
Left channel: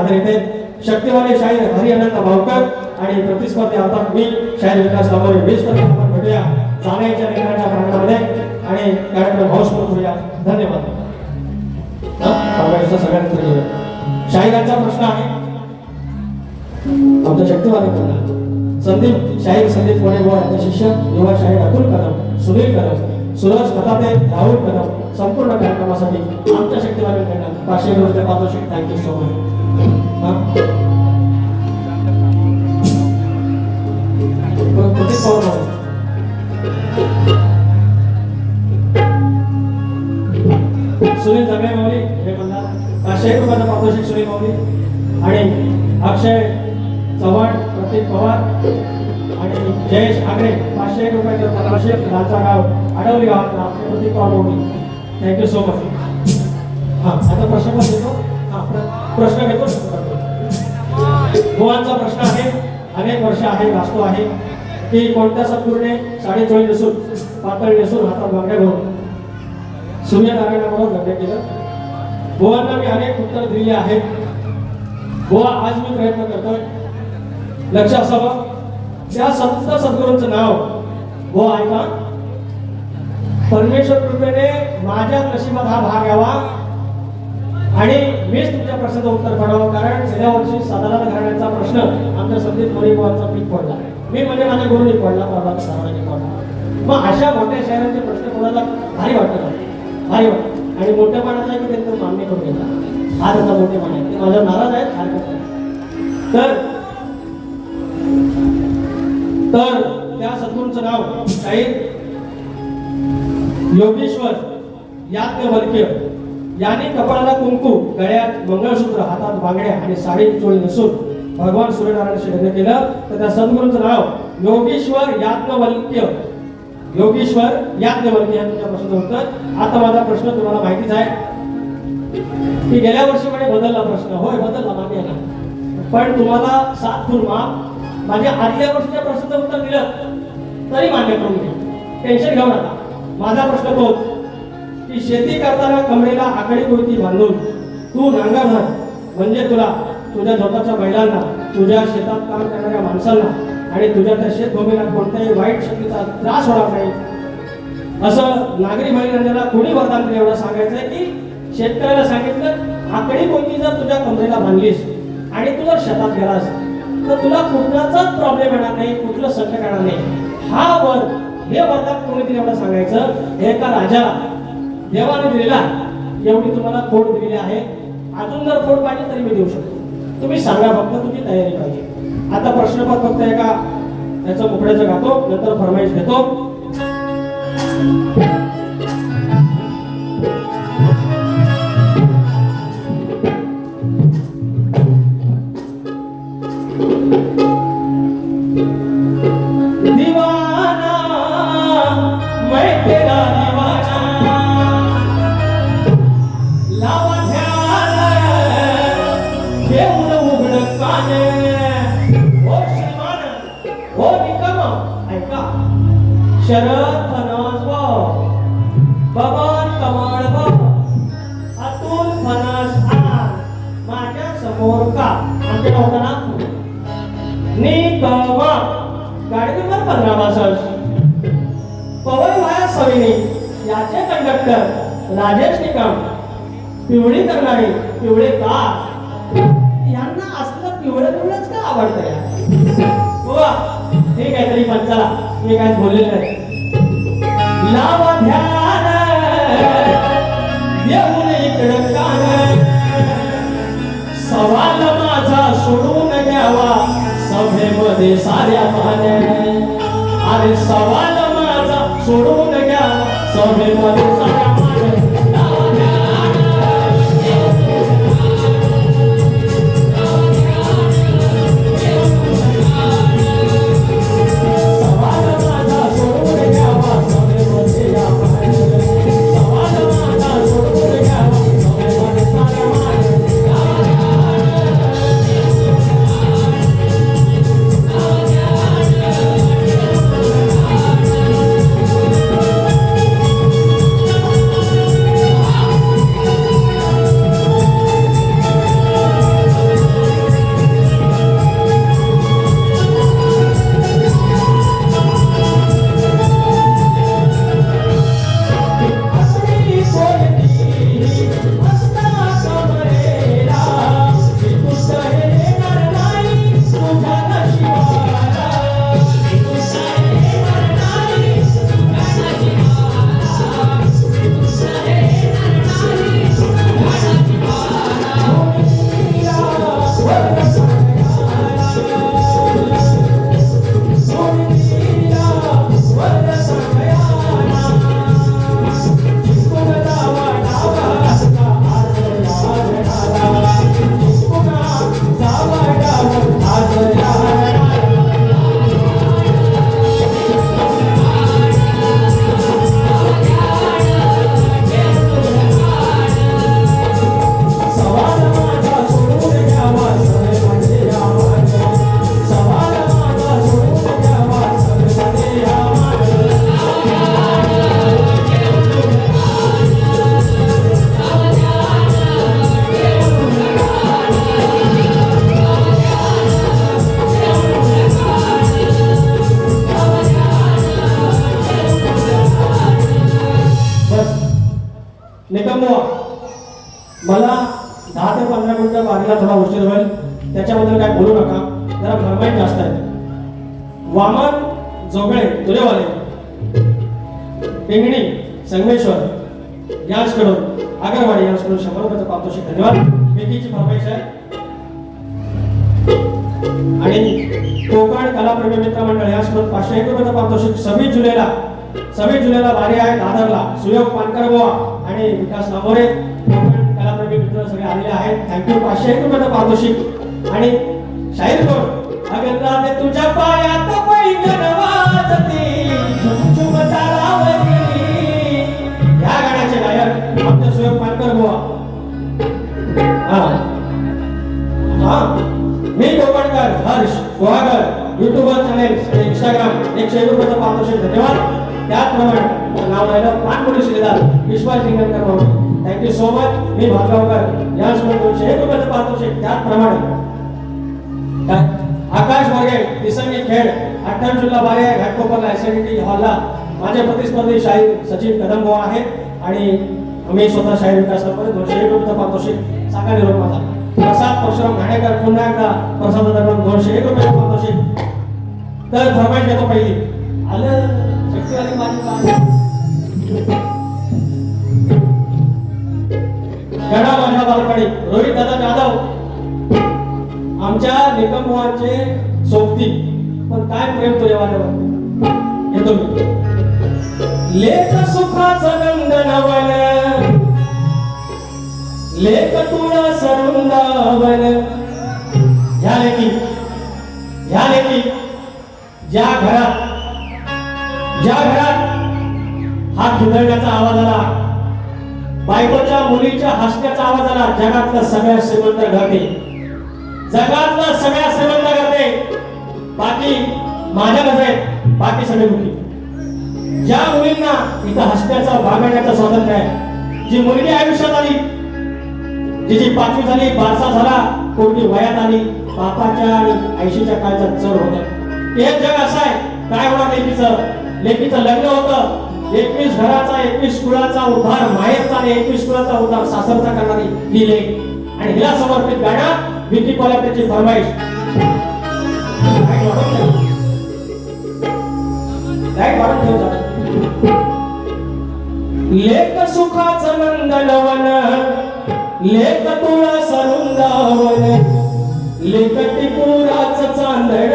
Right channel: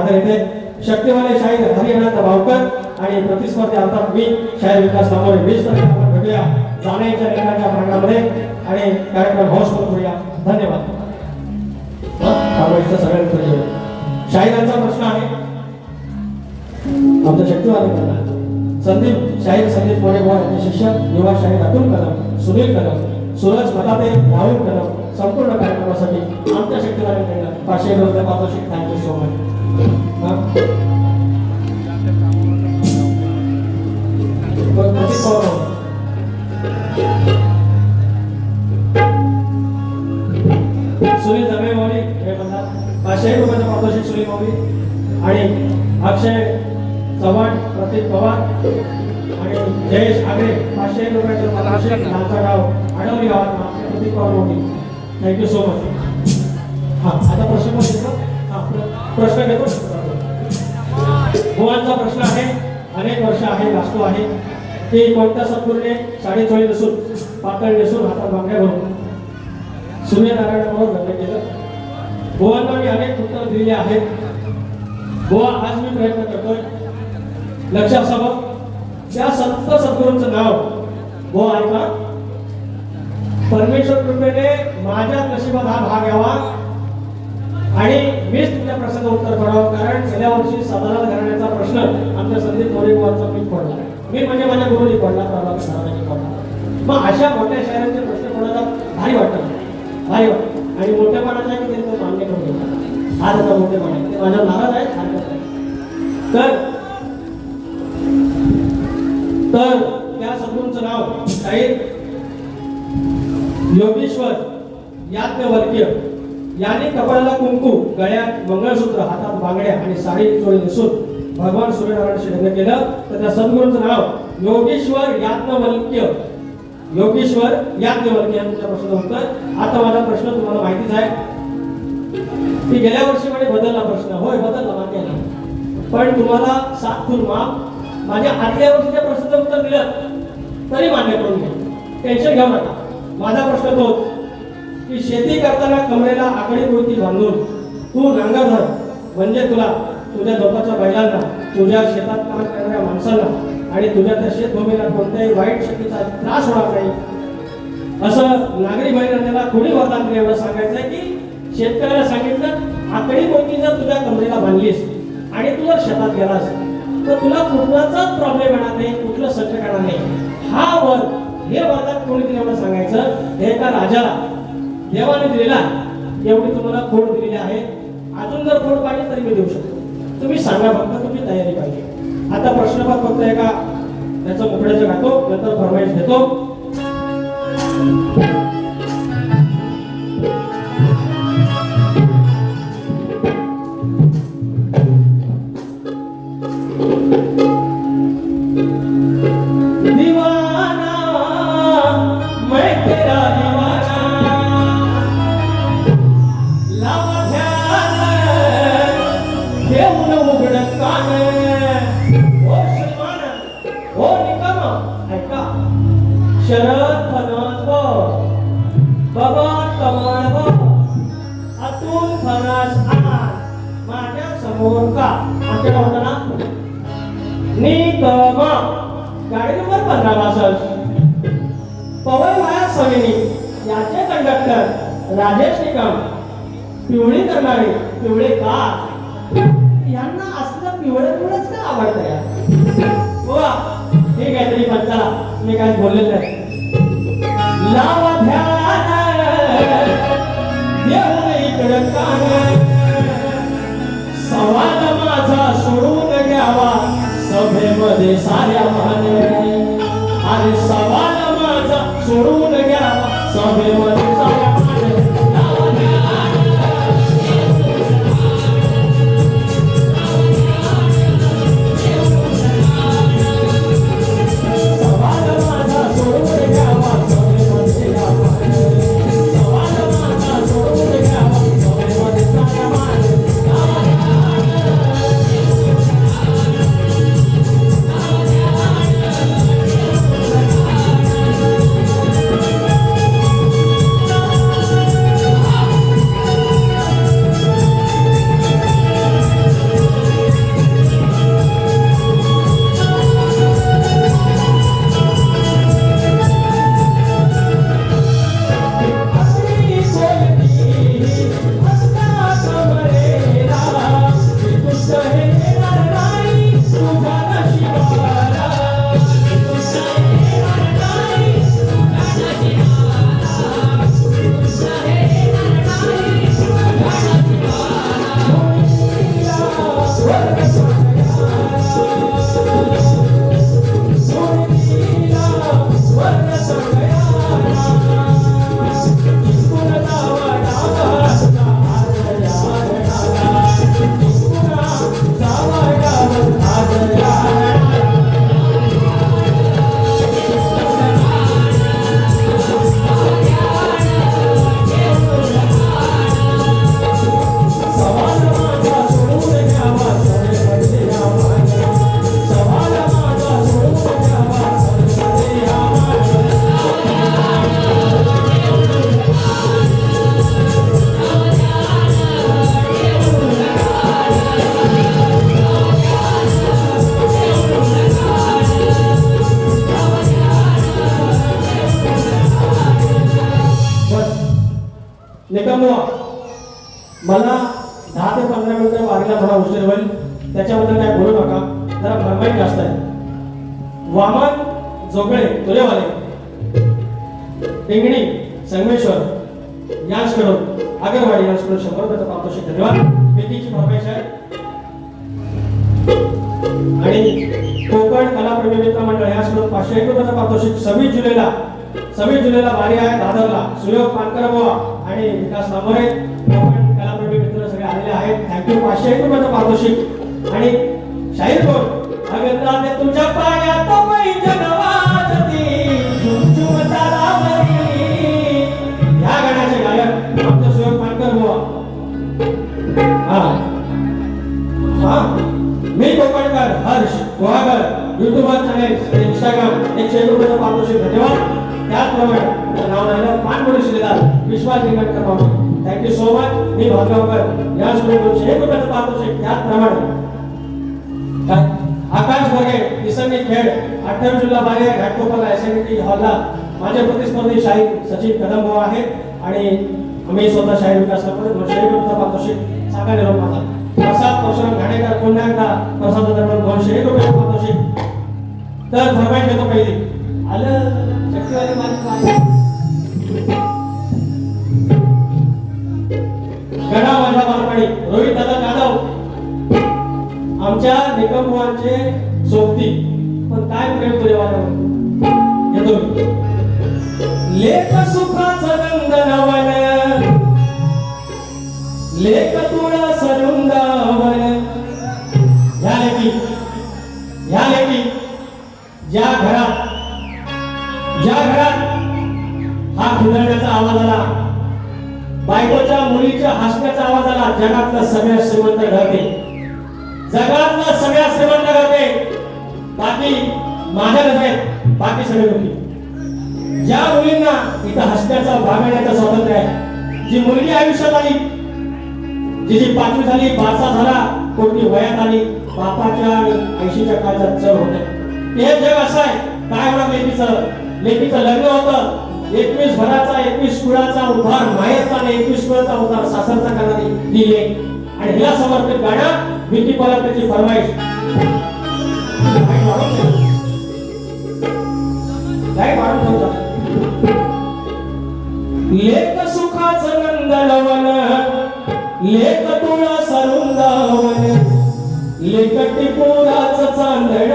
सादर येते. शक्तिवाले शाहीर हरिअनंत भावकर आणि प्रतिस्पर्धी अर्थात मी शाहीर विकास कांबळे 20 तारखेला आपण भेटूया जाण्याच्या लेखनाच्या प्रांगणामध्ये आणि कार्यक्रम हाऊसफुल करूया. धन्यवाद. सगळ्यांना घेऊया. शाहिरांचा प्रश्न आहे आमच्या शक्तिवादी म्हणणार संदीप शाहीर संदीप मोरेगाव यांचे शिष्य युवा शाहीर अतुल कदम, सुनील कदम, सूरज खताते, राहुल कदम संपूर्ण कार्यक्रमासाठी आमच्या शक्तिवादी म्हणणार 500 रुपये पारितोषिक. Thank you so much. सुनील धर्मे मौली हे म्हणतात 500 रुपयाचं पारितोषिक सुनील मौली आणि अक्षय चव्हाण, प्रतीक पवार आणि जयेश आगरे 500 रुपयाचं पारितोषिक. लालचा गाव आडवली गावात Pratik Pawar Mauli. Thank you so much. हां आता प्रश्न पण घेतो. प्रश्न घेतो. गोवांचा प्रश्न आहे. अनेक वर्ष आहे वास्तू आहे की कोणत्या सद्गुरूने साडी चोळी नसून पातळ नसून हातात बांगड्या घालून सूर्यनारायणाबरोबर लग्न केलं. गोवांना मी अनेक उत्तर दिली आहेत. गोवा आज मी प्रयत्न करतोय. लक्ष असावं त्या संत सद्गुरूंचं नाव गोवा आहे का? परमेश्वर कृपेने माझ्या नशिबात हा भाग यावा आणि मीच तुमच्या प्रश्नाचं उत्तर पडावं. कारण गेल्या वर्षी साधारण घराण्याचा प्रश्न आमच्या संदीप मोरेगावचा पीक पडला. मी म्हणजे माझ्या गुरुनी पडला, प्रभात सरावांनी पडला. मग अशा मोठ्या शहरांचे प्रश्न पडायला भारी वाटतं, भारी वाटतं. आणि मोठ्या मानाचा आहे की त्यांचं मान्य करून घेतात. हा त्याचा मोठे मान आहे, माझ्या नाराज आहेत, हरकत नाही. तर त्या सद्गुरूंचं नाव शाहीर योगेश्वर याज्ञवल्क्य यांनी कपाळाला कुंकू, गळ्यात मंगळसूत्र, हातात बांगड्या आणि साडी चोळी नसून भगवान सूर्यनारायणाशी लग्न केलं. तर त्या सद्गुरूंचं नाव योगेश्वर याज्ञवल्क्य. योगेश्वर याज्ञवल्क्य या तुमच्या प्रश्नाचं उत्तर. आता माझा प्रश्न तुम्हाला माहितीच आहे की गेल्या वर्षी मध्ये बदलला प्रश्न. होय बदलला, मान्य आहे. पण तुम्हाला 7 फूल मार्क माझ्या आदल्या वर्षीच्या प्रश्नाचं उत्तर दिलं तरी मान्य करून घे. टेन्शन घेऊ नका. माझा प्रश्न तोच की शेती करताना कमरेला आकडी कोणती बांधून तू नांगर धर म्हणजे तुला, तुझ्या स्वतःच्या बैलांना, तुझ्या शेतात काम करणाऱ्या माणसांना आणि तुझ्या त्या शेतभूमीला कोणत्याही वाईट शक्तीचा त्रास होणार नाही. असं नागरी बैलांना कोणी वरदान दिलं एवढं सांगायचंय की शेतकऱ्याला सांगितलं आकडी कोणती जर तुझ्या कमरेला बांधलीस आणि तू जर शेतात गेलास तर तुला कुठलाचाच प्रॉब्लेम येणार नाही, कुठलं संकट येणार नाही. हा वर हे वरदान कोणी दिलं एवढं सांगायचं. एका राजाला देवाने दिलेला एवढी तुम्हाला खोड दिलेली आहे. अजून जर खोड पाहिजे तरी मी देऊ शकतो. तुम्ही सांगा, फक्त तुमची तयारी पाहिजे. आता प्रश्नपत्र फक्त एका याचं मुकड्याचं घातो, नंतर फरमाईश घेतो. शरद फणस बबन कमळ अतुल फणस माझ्या समोर का आमच्या होता ना निकम गाडी नंबर 1562 पवन वाया सविनी याचे कंडक्टर राजेश निकम. पिवळी करणारी पिवळे का यांना असलं पिवळे फुलच का आवडतं या ठीक आहे. तरी पण चला मी काय बोललेलं नाही. लावा ध्यान येऊन इकडं कान सवाल माझा सोडून घ्यावा सभेमध्ये साऱ्या मान. अरे सवाल माझा सोडून घ्यावा सभेमध्ये साऱ्या मान. मला 10 ते 15 मिनिटं वारीला थोडा उशीर होईल, त्याच्याबद्दल काय बोलू नका, जरा फरमाईश जास्त आहे. वामन जोगळे तुरेवाले पिंगणी संगमेश्वर यांच्याकडून आगरवाडी यांच्याकडून 100 रुपयाचं पारितोषिक. धन्यवाद. भेटीची फरमाईश आहे. आणि कोकण कलाप्रेमी मित्र मंडळ यांच्याकडून 501 रुपयाचं पारितोषिक. 26 जुलैला वारी आहे दादरला. सुयोग पानकर बुवा आणि विकास नामोरे कोकण कलाप्रेमी मित्र सगळे आलेले आहेत. थँक्यू. 501 रुपयाचं पारितोषिक. आणि शाहीर कोण अगरनाथ तुझ्या पायात पैंजण वाजती झुमझुम तालावरी. या गाण्याचे गायक आमचे सुयोग पानकर बुवा. मी Konkankar Harsh Guhagar YouTuber channel Instagram 101 रुपयाचं पारितोषिक. धन्यवाद. त्याचप्रमाणे नाव राहिलं पानपुरी श्रीदार विश्वास लिंगणकर भाऊ. Thank you so much. मी भातगावकर यासोबत 201 रुपयाचं पारितोषिक. त्याचप्रमाणे काय आकाश मोरे दिसंगी खेड 28 जुलै वारी आहे घाटकोपरला एसएनटी हॉलला. माझे प्रतिस्पर्धी शाहीर सचिन कदम भाऊ आहेत आणि मी स्वतः शाहीर विकास नामोरे 201 रुपयाचा पारितोषिक. सांगा निरोप माझा. प्रसाद परशुराम घाणेकर पुन्हा एकदा प्रसादाकडून 201 रुपयाचं पारितोषिक. तर फरमाईश घेतो पहिली. आलं शक्तीवाली माझी गणा माझ्या बालपणी रोहित दादा जाधव आमच्या निकमवांचे सोबती. पण काय प्रेम तुझ्यावर येतो मी. लेख सुखाचं नंदनवन लेख तुळा सरुंदावन. ह्या लेखी ज्या घरात हा खिदळण्याचा आवाज आला, बायकोच्या मुलीच्या हसण्याचा आवाज आला, जगातलं सगळ्यात श्रीमंत घरते, जगातलं सगळ्यात श्रीमंत घरते. बाकी माझ्या नजरेत बाकी सगळे मुली. ज्या मुलींना इथं हसण्याचा भागण्याचं स्वातंत्र्य आहे, जी मुलगी आयुष्यात आली, जिची 5वी झाली, बारसा झाला, कोणती वयात आली, बापाच्या आणि 80च्या काळात चढ होते. हे जग असं आहे. काय होणार लेकीचं लग्न होतं. 21 घराचा 21 कुळाचा उद्धार माहेरचा आणि 21 कुळाचा उद्धार सासरचा करणारी ही लेक. आणि हिला समर्पित गाणं भीती पालकाची फरमाईश. लेक सुखाचं नंदनवन लेक तुळा सरुंदावन लेक टिपुराचं चांदण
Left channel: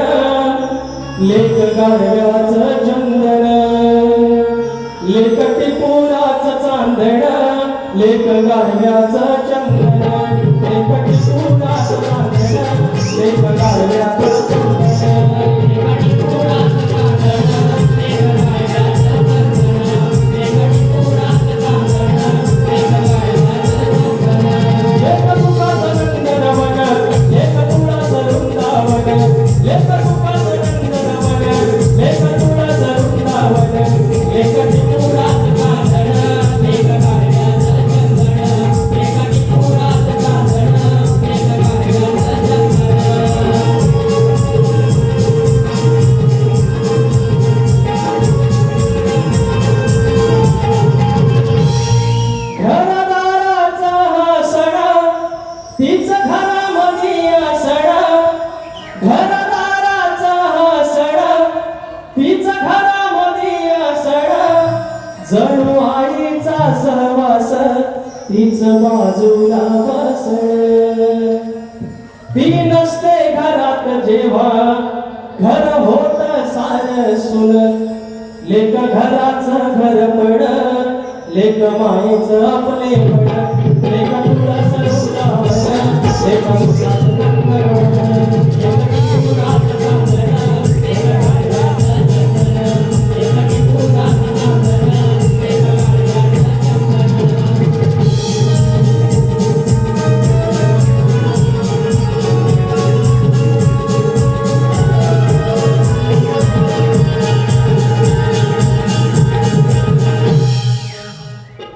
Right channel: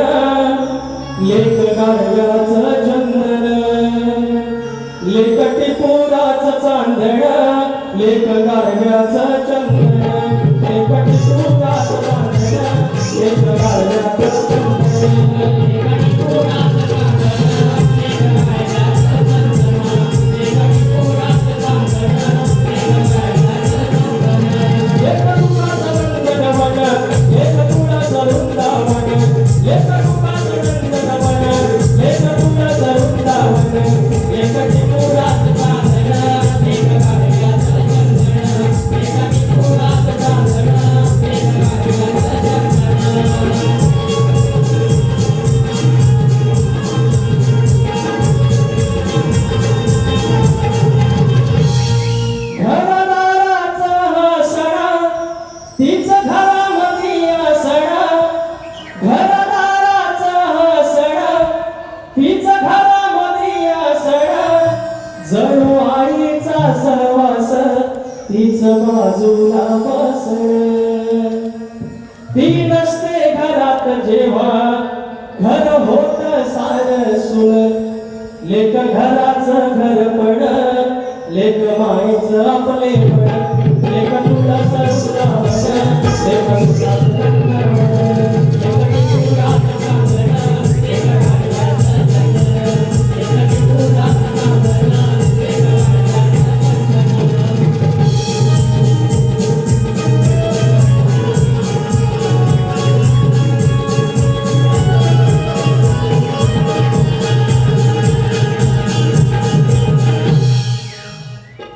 लेक गाढव्याचं चंदन लेक टिपुराचं चांदण लेक गाढव्याचं चंदन लेक टिपुराचं चांदण लेक गाढव्याचं चंदन लेक टिपुराचं चांदन लेक गाढव्याचं चंदन लेक टिपुराचं चांदन लेक गाढव्याचं चंदन लेक सुखाचं नंदनवन लेक तुळा सरुंदावन लेक सुखाचं नंदनवन लेक तुळा सरुंदावन लेक टिपुराचं चांदन लेक गाढव्याचं चंदन लेक टिपुराचं चांदन लेक गाढव्याचं चंदन. घरदाराचा हा सडा तीच घरामध्ये असडा घरदाराचा हा सडा तीच घरामध्ये असडा जणू आईचा सहवास तीच बाजूला बसण. ती नसते घरात जेव्हा घर होत सार सुन लेक घराचं घर पड लेक मायेचं आपले पड लेक तुला सरुंदावन लेक सुखाचं नंदनवन लेक टिपुराचं चांदन लेक गाढव्याचं चंदन लेक टिपुराचं चांदन लेक गाढव्याचं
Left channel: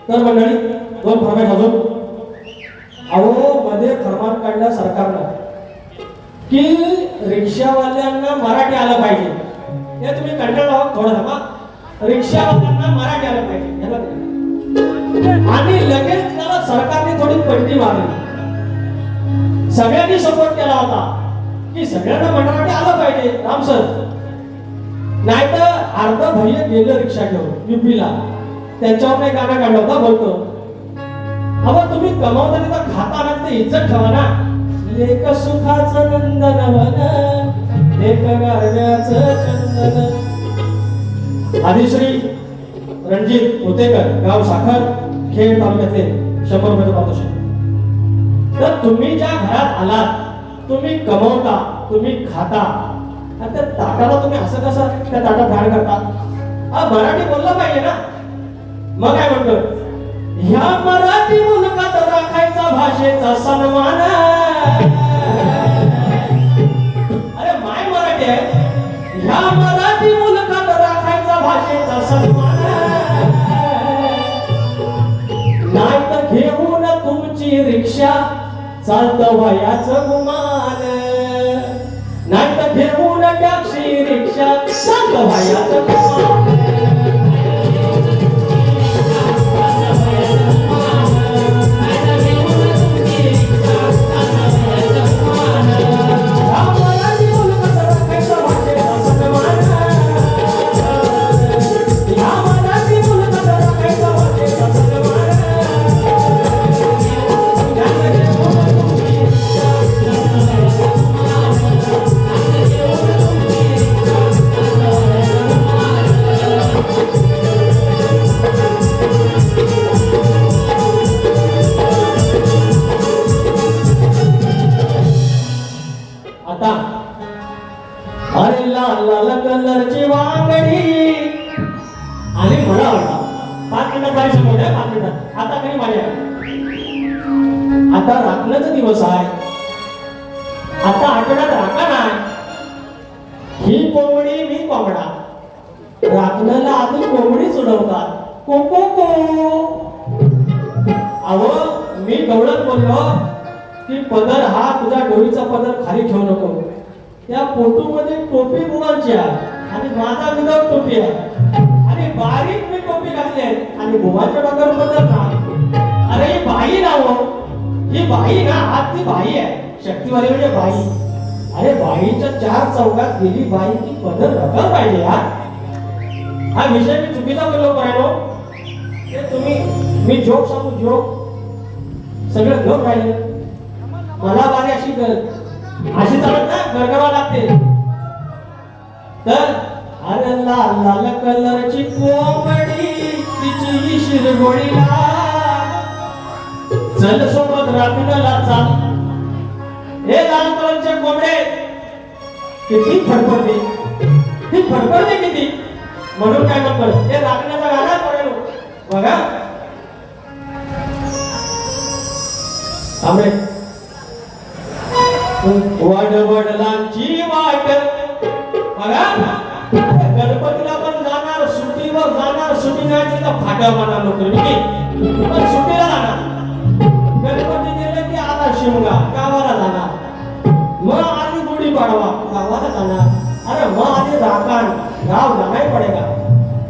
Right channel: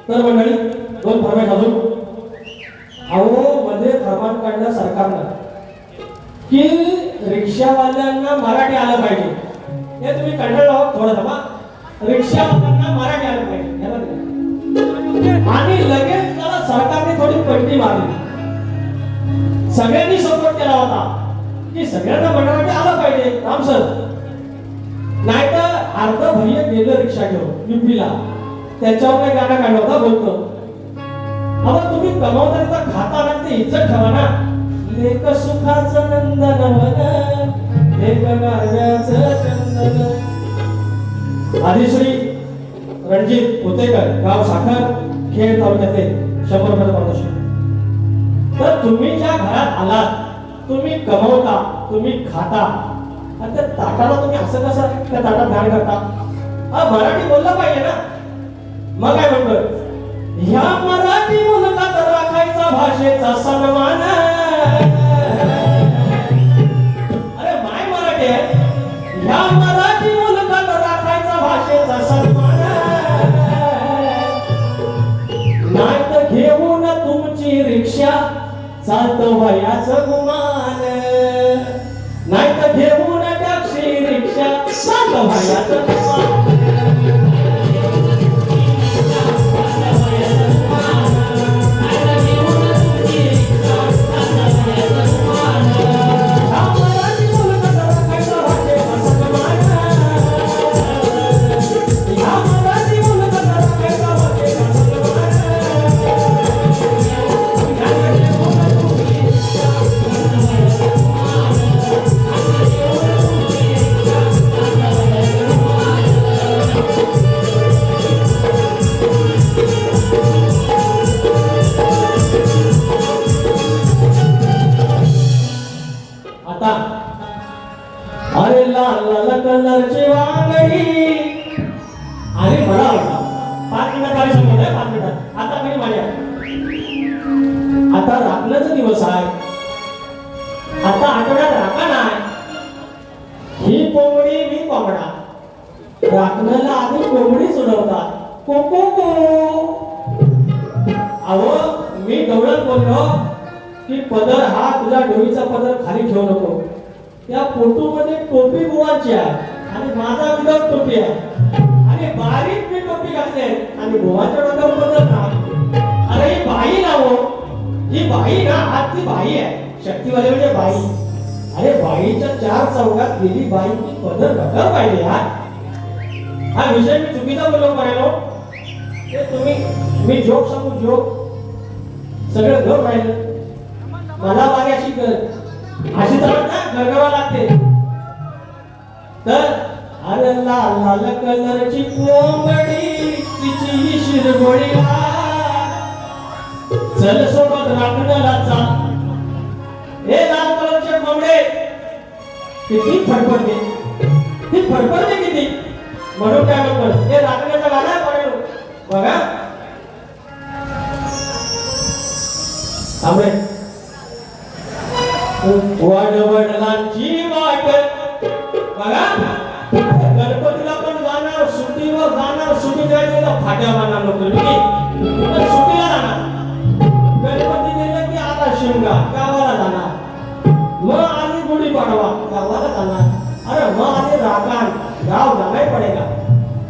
तर मंडळी 2 फरमाईश अजून. अहो मध्ये फरमान काढला सरकारनं की रिक्षावाल्यांना मराठी आलं पाहिजे. हे तुम्ही कंटाळला आहोत थोडं थांबा. रिक्षावाल्यांना मराठी आलं पाहिजे आणि लगेच त्याला सरकारने थोडी उडी मारली. सगळ्यांनी सपोर्ट केला होता की सगळ्यांना मराठी आलं पाहिजे राम सर. नाहीतर अर्ध भैया गेलं रिक्षा घेऊन युपीला, त्याच्यावर काही गाणं काढलं होता बोलतो. अहो तुम्ही कमावताना तर खाता ना ते इज्जत ठेवा ना. लेक सुखाचं नंदनवन, लेक गारव्याचं चंदन. आदिश्री रणजित उतेकर, गाव साखर, खेड तालुक्याचे 100 रुपयाचं पारितोषिक. तर तुम्ही ज्या घरात आलात, तुम्ही कमवता, तुम्ही खाता, आणि त्या ताटाला तुम्ही असं कसं त्या ताटात बाहेर करता? मराठी बोललं पाहिजे ना. मग काय म्हणतो, ह्या मराठी मुलकात राखायचा भाषेचा सन्मान. अरे माय मराठी आहे. ह्या मराठी मुलकात राखायचा भाषेचा सन्मान. नाही तर घेऊन तुमची रिक्षा चालत वयाचं गुमान. नाही तर घेऊन टॅक्सी रिक्षा चालत वयाचं गुमान. अरे लाल लाल कलरची वांगडी आणि मला आवडा 5 मिनिटं पाणी समोर आहे. 5 मिनिटं आता काही माझ्या आता राखण्याचा दिवस आहे. आता आठवड्यात राखा नाही. ही कोंबडी मी कोंबडा. राखण्याला आधी कोंबडी सोडवतात. को को को. अहो मी गवळत बोललो की पदर हा तुझ्या डोळीचा पदर खाली ठेवू नको. त्या फोटोमध्ये टोपी बुवांची आहे आणि माझा विरोध टोपी आहे आणि बारीक मी टोपी घातली आहे आणि बुवांच्या डोक्यावर पदर ना. अरे ही बाई ना हो. ही बाई ना आज ती बाई आहे. शक्तीवाली म्हणजे बाई. अरे बाईच्या 4 चौकात गेली बाई ती पदर घालायला पाहिजे यार. हा विषय मी चुकीचा बोललो पाहिजे. ते तुम्ही मी जोक सांगू जोक सगळं घेऊन राहिले. मला बारी अशी अशी तर गरगावा लागते. तर अरे लाल लाल कलरची कोंबडी तिची शिरगोळीला चल सोबत राखण्याला चाल. हे लाल कलरचे कोंबडे किती फडफडते, ती फडफडते किती. म्हणून काय म्हणतो हे राखण्याचा गाणं पडेल बघा. थांबे. वडवडिलांची वाट बघा. गणपतीला पण जाणार, सुट्टीवर जाणार. सुट्टी जायची तर फाट्या बनणार नव्हतं पण सुट्टीला जाणार. गणपती गेलं की आला शिमगा गावाला जाणार. मग आधी गुढी पाडवा गावाला जाणार. अरे मग आधी राखण गाव जाणार पडेगा.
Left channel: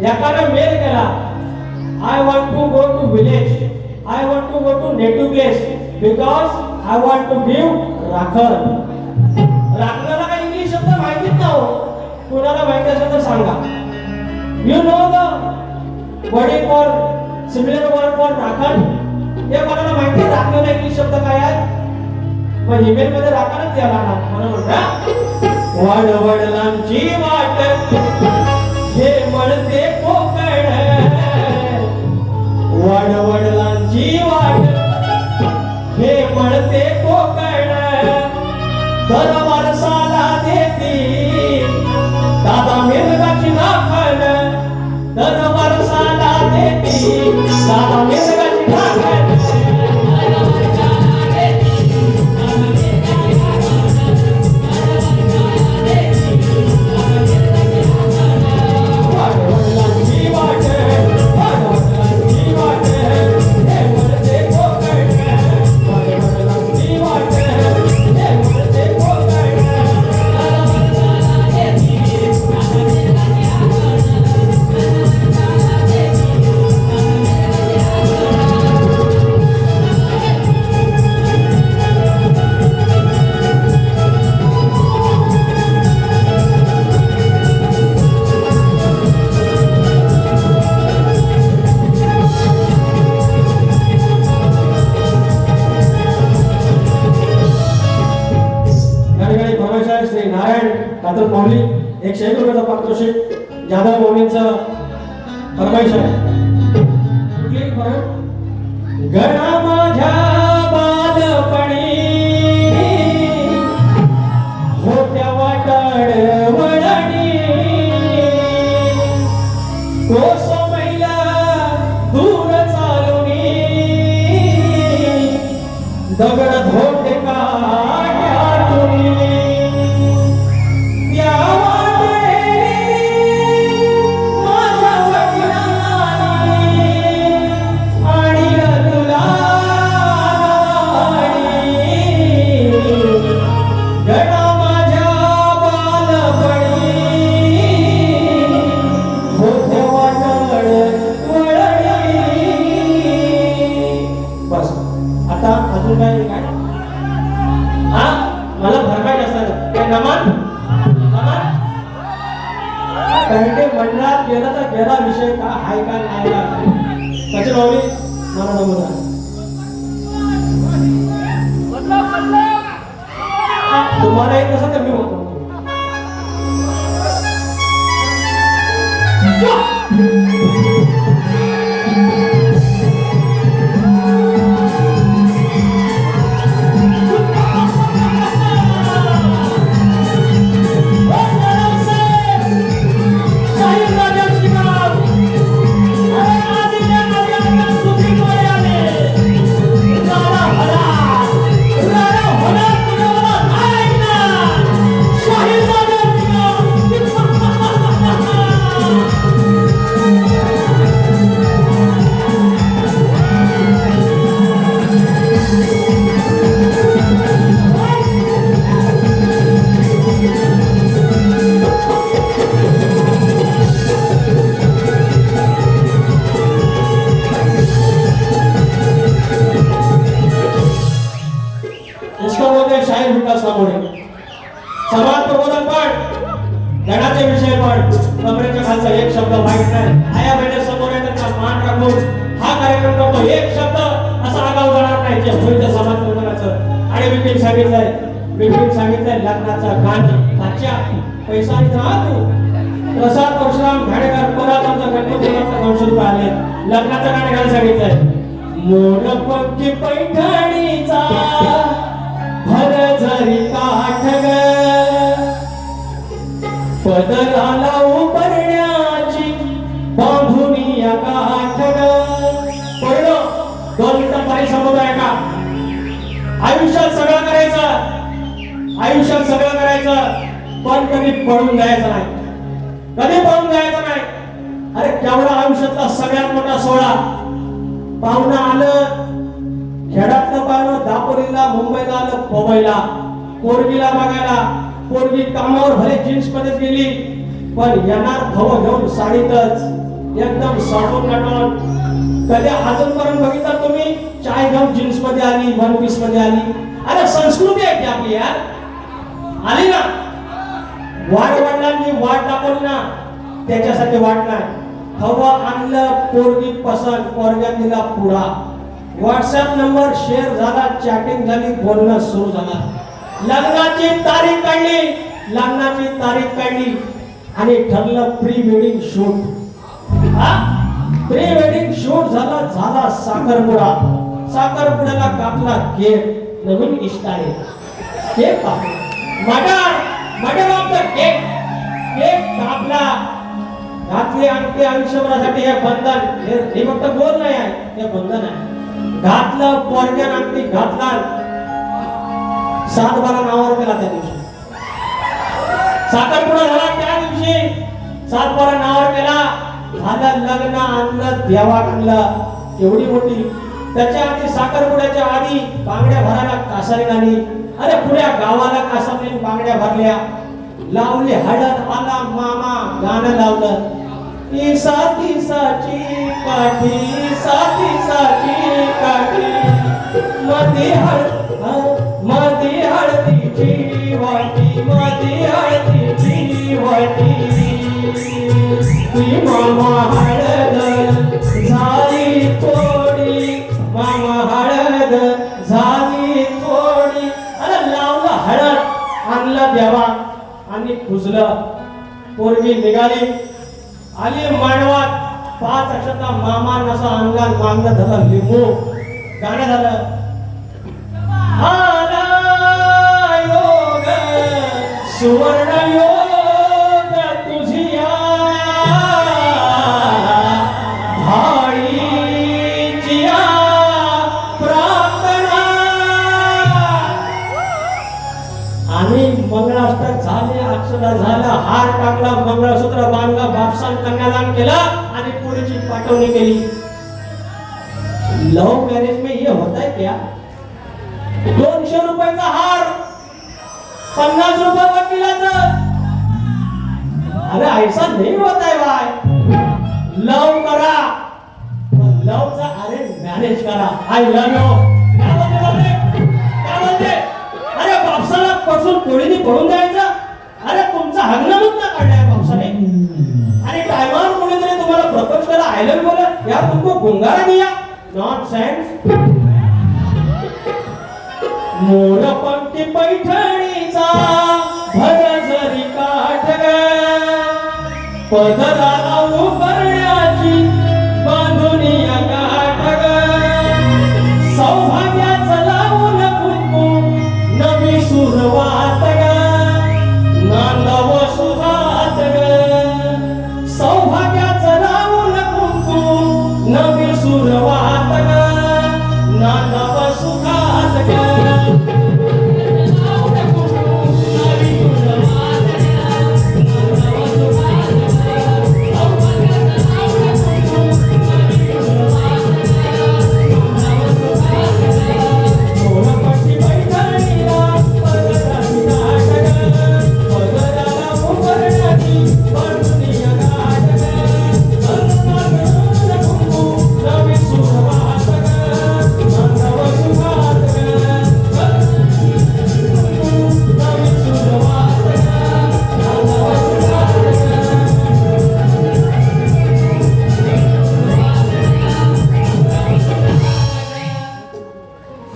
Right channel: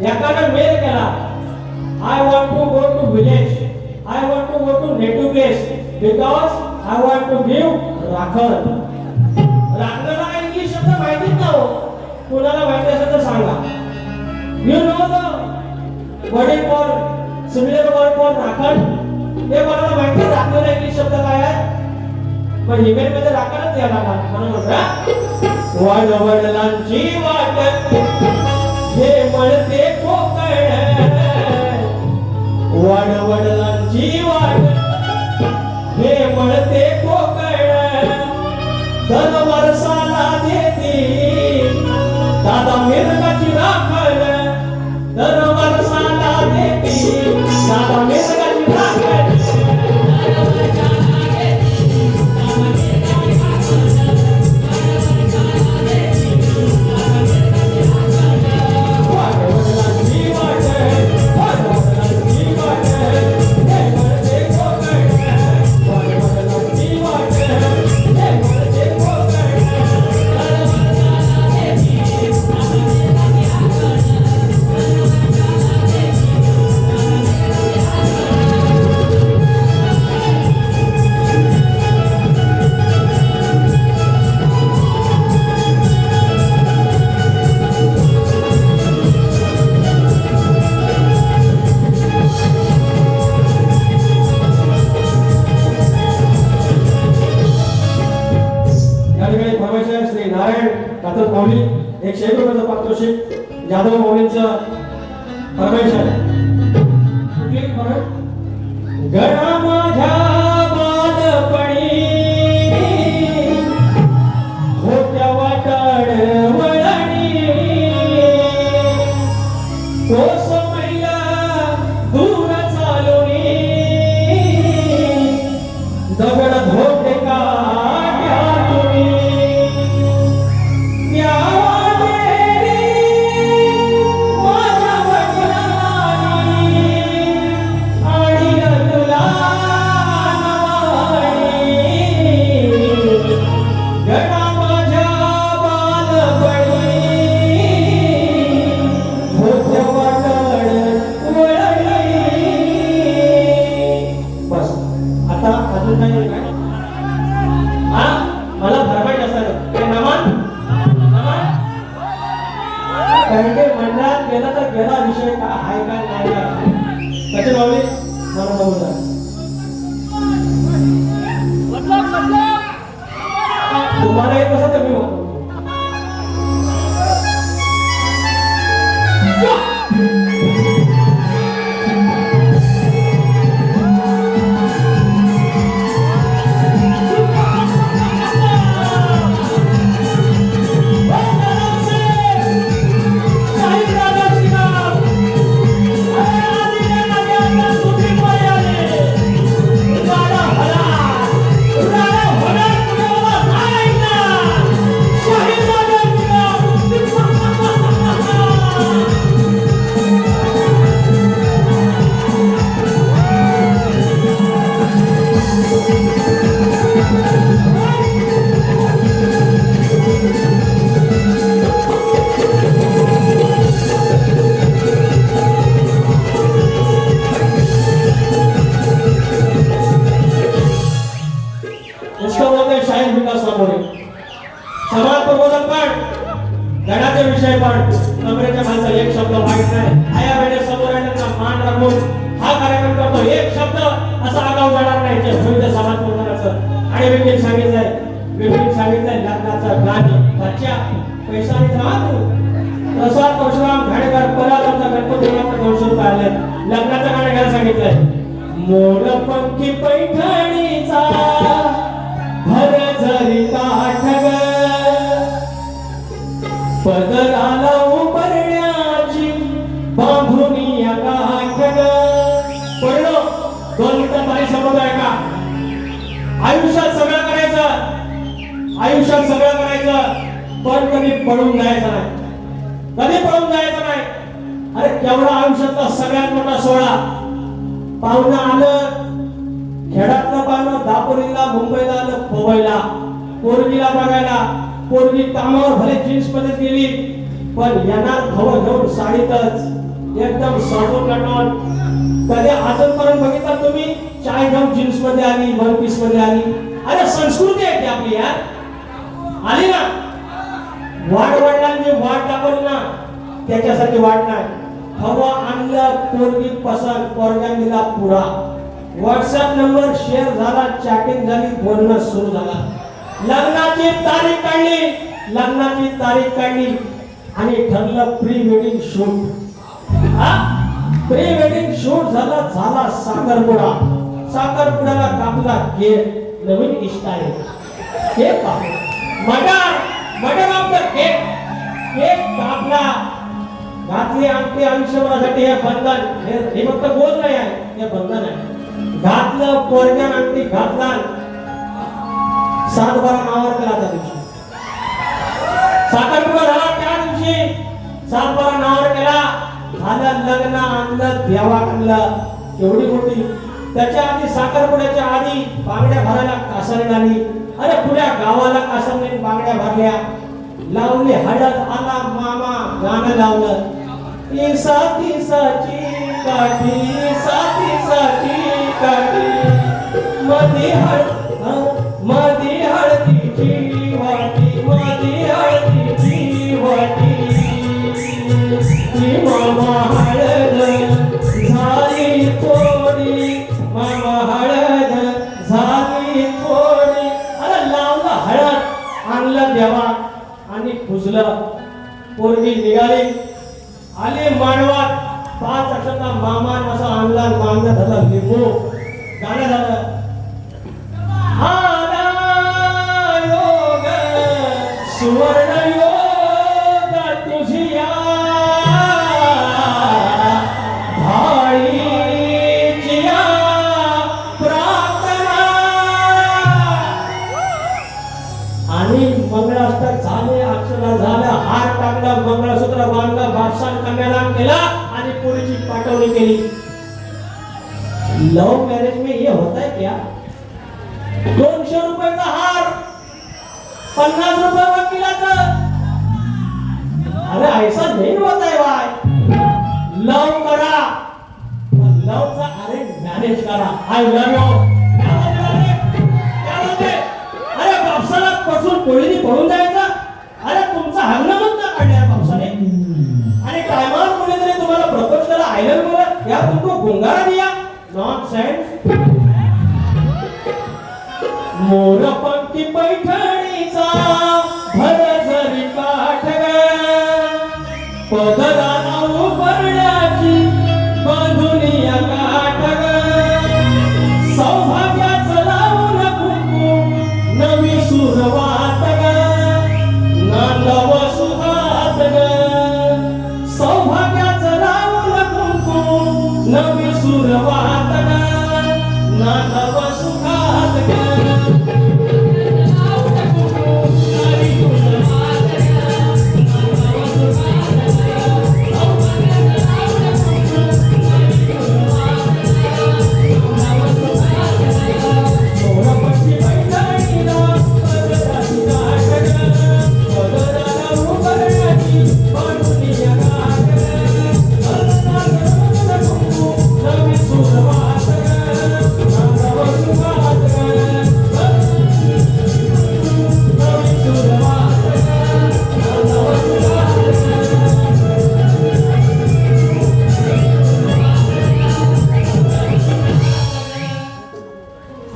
एकाने मेल केला, I want to go to village, I want to go to native place because I want to give राखण. राखणाला काही इंग्लिश शब्द माहितीच ना हो. कुणाला माहिती असेल तर सांगा. You know the word for similar word for राखण. हे कोणाला माहिती आहे राखण इंग्लिश शब्द काय आहे? मग ईमेल मध्ये राखणच द्यायला ना. म्हणून वडवडिलांची वाट हे मळते कोकण. वडवडिलांची वाट हे मळते कोकण. दर वर्षाला देती दादा मिरगाची राखण. दर वर्षाला देती दादा मिरगाची राखण. श्री नारायण कातूर माऊली 101 रुपयाचा पारितोषिक जाधव माऊलींचं फरमाईश आहे. कुठली फरमाईश? गणा माझ्या बालपणी होत्या वाटाड वळणी कोस मैला दूर चालूनी दगड धोटे काट्यातूनी त्या वाटेरी माझ्या वडिलांनी आणि तुला गणा माझ्या बालपणी होत्या वाटाड वळणी. बस आता अजून काय काय हा मला भरपाई असणार काय नमान नमान कारण की मंडळात गेला तर गेला विषय का आहे का नाही का त्याच्या बाबी मला नमूद तुम्हाला येत कसं तर मी म्हणतो. शाहीर विकास सामोरे समाज प्रबोधन पण गणाचे विषय पण कमरेच्या खालचा एक शब्द वाईट नाही. आया बहिणी समोर त्यांचा मान राखून हा कार्यक्रम करतो. एक शब्द असा आगाऊ जाणार नाही जे होईल ते समाज प्रबोधनाचं. आणि विपिन सांगितलंय लग्नाचं गाणं अच्छा पैसा आणि तू प्रसाद परशुराम घाडेकर परत आमचा गणपती कौशल पाहिले लग्नाचं गाणं घायला सांगितलंय. मोरपंखी पैठणीचा भर जरी काठ ग पदराला उपरण्याची बांधुनी या काठ ग. पडलो 2 मिनिटं पाणी संपत आहे का? आयुष्यात सगळं करायचं पण कधी पळून जायचं नाही. अरे केवढा आयुष्यातला सगळ्यात मोठा सोहळा पाहुणा आलं खेड्यातलं पाहुणं दापोलीला मुंबईला आलं पवईला पोरगीला बघायला. पोरगी कामावर भले जीन्स मध्येच गेली पण येणार भव घेऊन साडीतच एकदम साडून काढून. कधी अजूनपर्यंत बघितलं तुम्ही चाय घेऊन जीन्स मध्ये आली वन पीस मध्ये आली? अरे संस्कृती आहे की आपली यार आली ना. वडिलांनी वाट दाखवली ना त्याच्यासाठी वाट नाही. हवं आणलं पोरगी पसंत पोरग्यान दिला पुढा. व्हॉट्सअप नंबर शेअर झाला चॅटिंग झाली बोलणं सुरू झाला. लग्नाची तारीख काढली आणि ठरलं pre wedding shoot. Pre wedding shoot झाला साखरपुड्याला कापला केक. नवीन इष्टाने केक कापला केक कापला घातली अंगठी आयुष्यभरासाठी. हे बंधन हे फक्त बोल नाही आहे हे बंधन आहे. घातलं पोरग्यान अंगठी घातला 7-12 नावावर केला त्या दिवशी. साखरपुडा झाला त्या दिवशी 7-12 नावावर केला. झालं लग्न आणलं देवा आणलं एवढी मोठी. त्याच्या आधी साखरपुड्याच्या आधी बांगड्या भरायला कासारी आली. अरे पुऱ्या गावाला कासारीने बांगड्या भरल्या. लावली हळद आला मामा गाणं लावलं. साथी काठी मधी हळदीची वाटी मामा हळद झाली थोडी अरे लावलं हळद आणलं देवा आणि खुजलं. पोरगी निघाली, आली मांडवात. 5 अक्षरचा मामा नसा आणला, मागणं झालं लिंबू. गाणं झालं. आला योग, सुवर्ण योग तुझिया, भाळीचिया प्रार्थना. आणि मंगळाष्टक झाले, अक्षरा झालं, हार टाकला, मंगळसूत्र बांधला, बादशाह कन्यादान केला आणि पुढची पाठवणी केली. लव मॅरेज में ये होता है क्या? 200 रुपयाचा हार, 50 रुपये वकिलाचं. अरे ऐसा नहीं होता है भाई. लव करा, लवचा अरे मॅनेज करा. I love you. काय म्हणते? अरे बापसाला पासून कोळीने पळून जायचं. अरे तुमचा हंगामच ना काढलाय बापसाने. आणि टायमावर कोणीतरी तुम्हाला प्रपोज करा, आय लव यू बोला, यार तुमको गुंगारा दिया. नॉनसेन्स. मोर पंक्ती पैठणीचा भरजरी काठ ग, पदराला उभरण्याची बांधुनिया गाठ ग. सौभाग्याचं लावून कुंकू नवी सुरवात ग, नांदाव सुहात ग. सौभाग्याचं लावून कुंकू नवी सुरवात ग, नांदाव सुहात ग.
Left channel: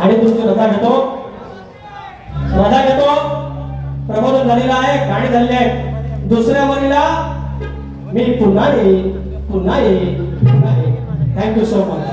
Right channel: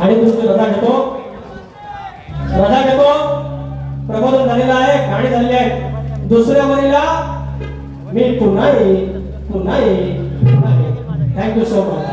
आणि तुमची रजा घेतो, प्रबोधन झालेलं आहे, गाणी झालेली आहे. दुसऱ्या वरीला मी पुन्हा येईल, पुन्हा येईल, पुन्हा येईल. Thank you so much.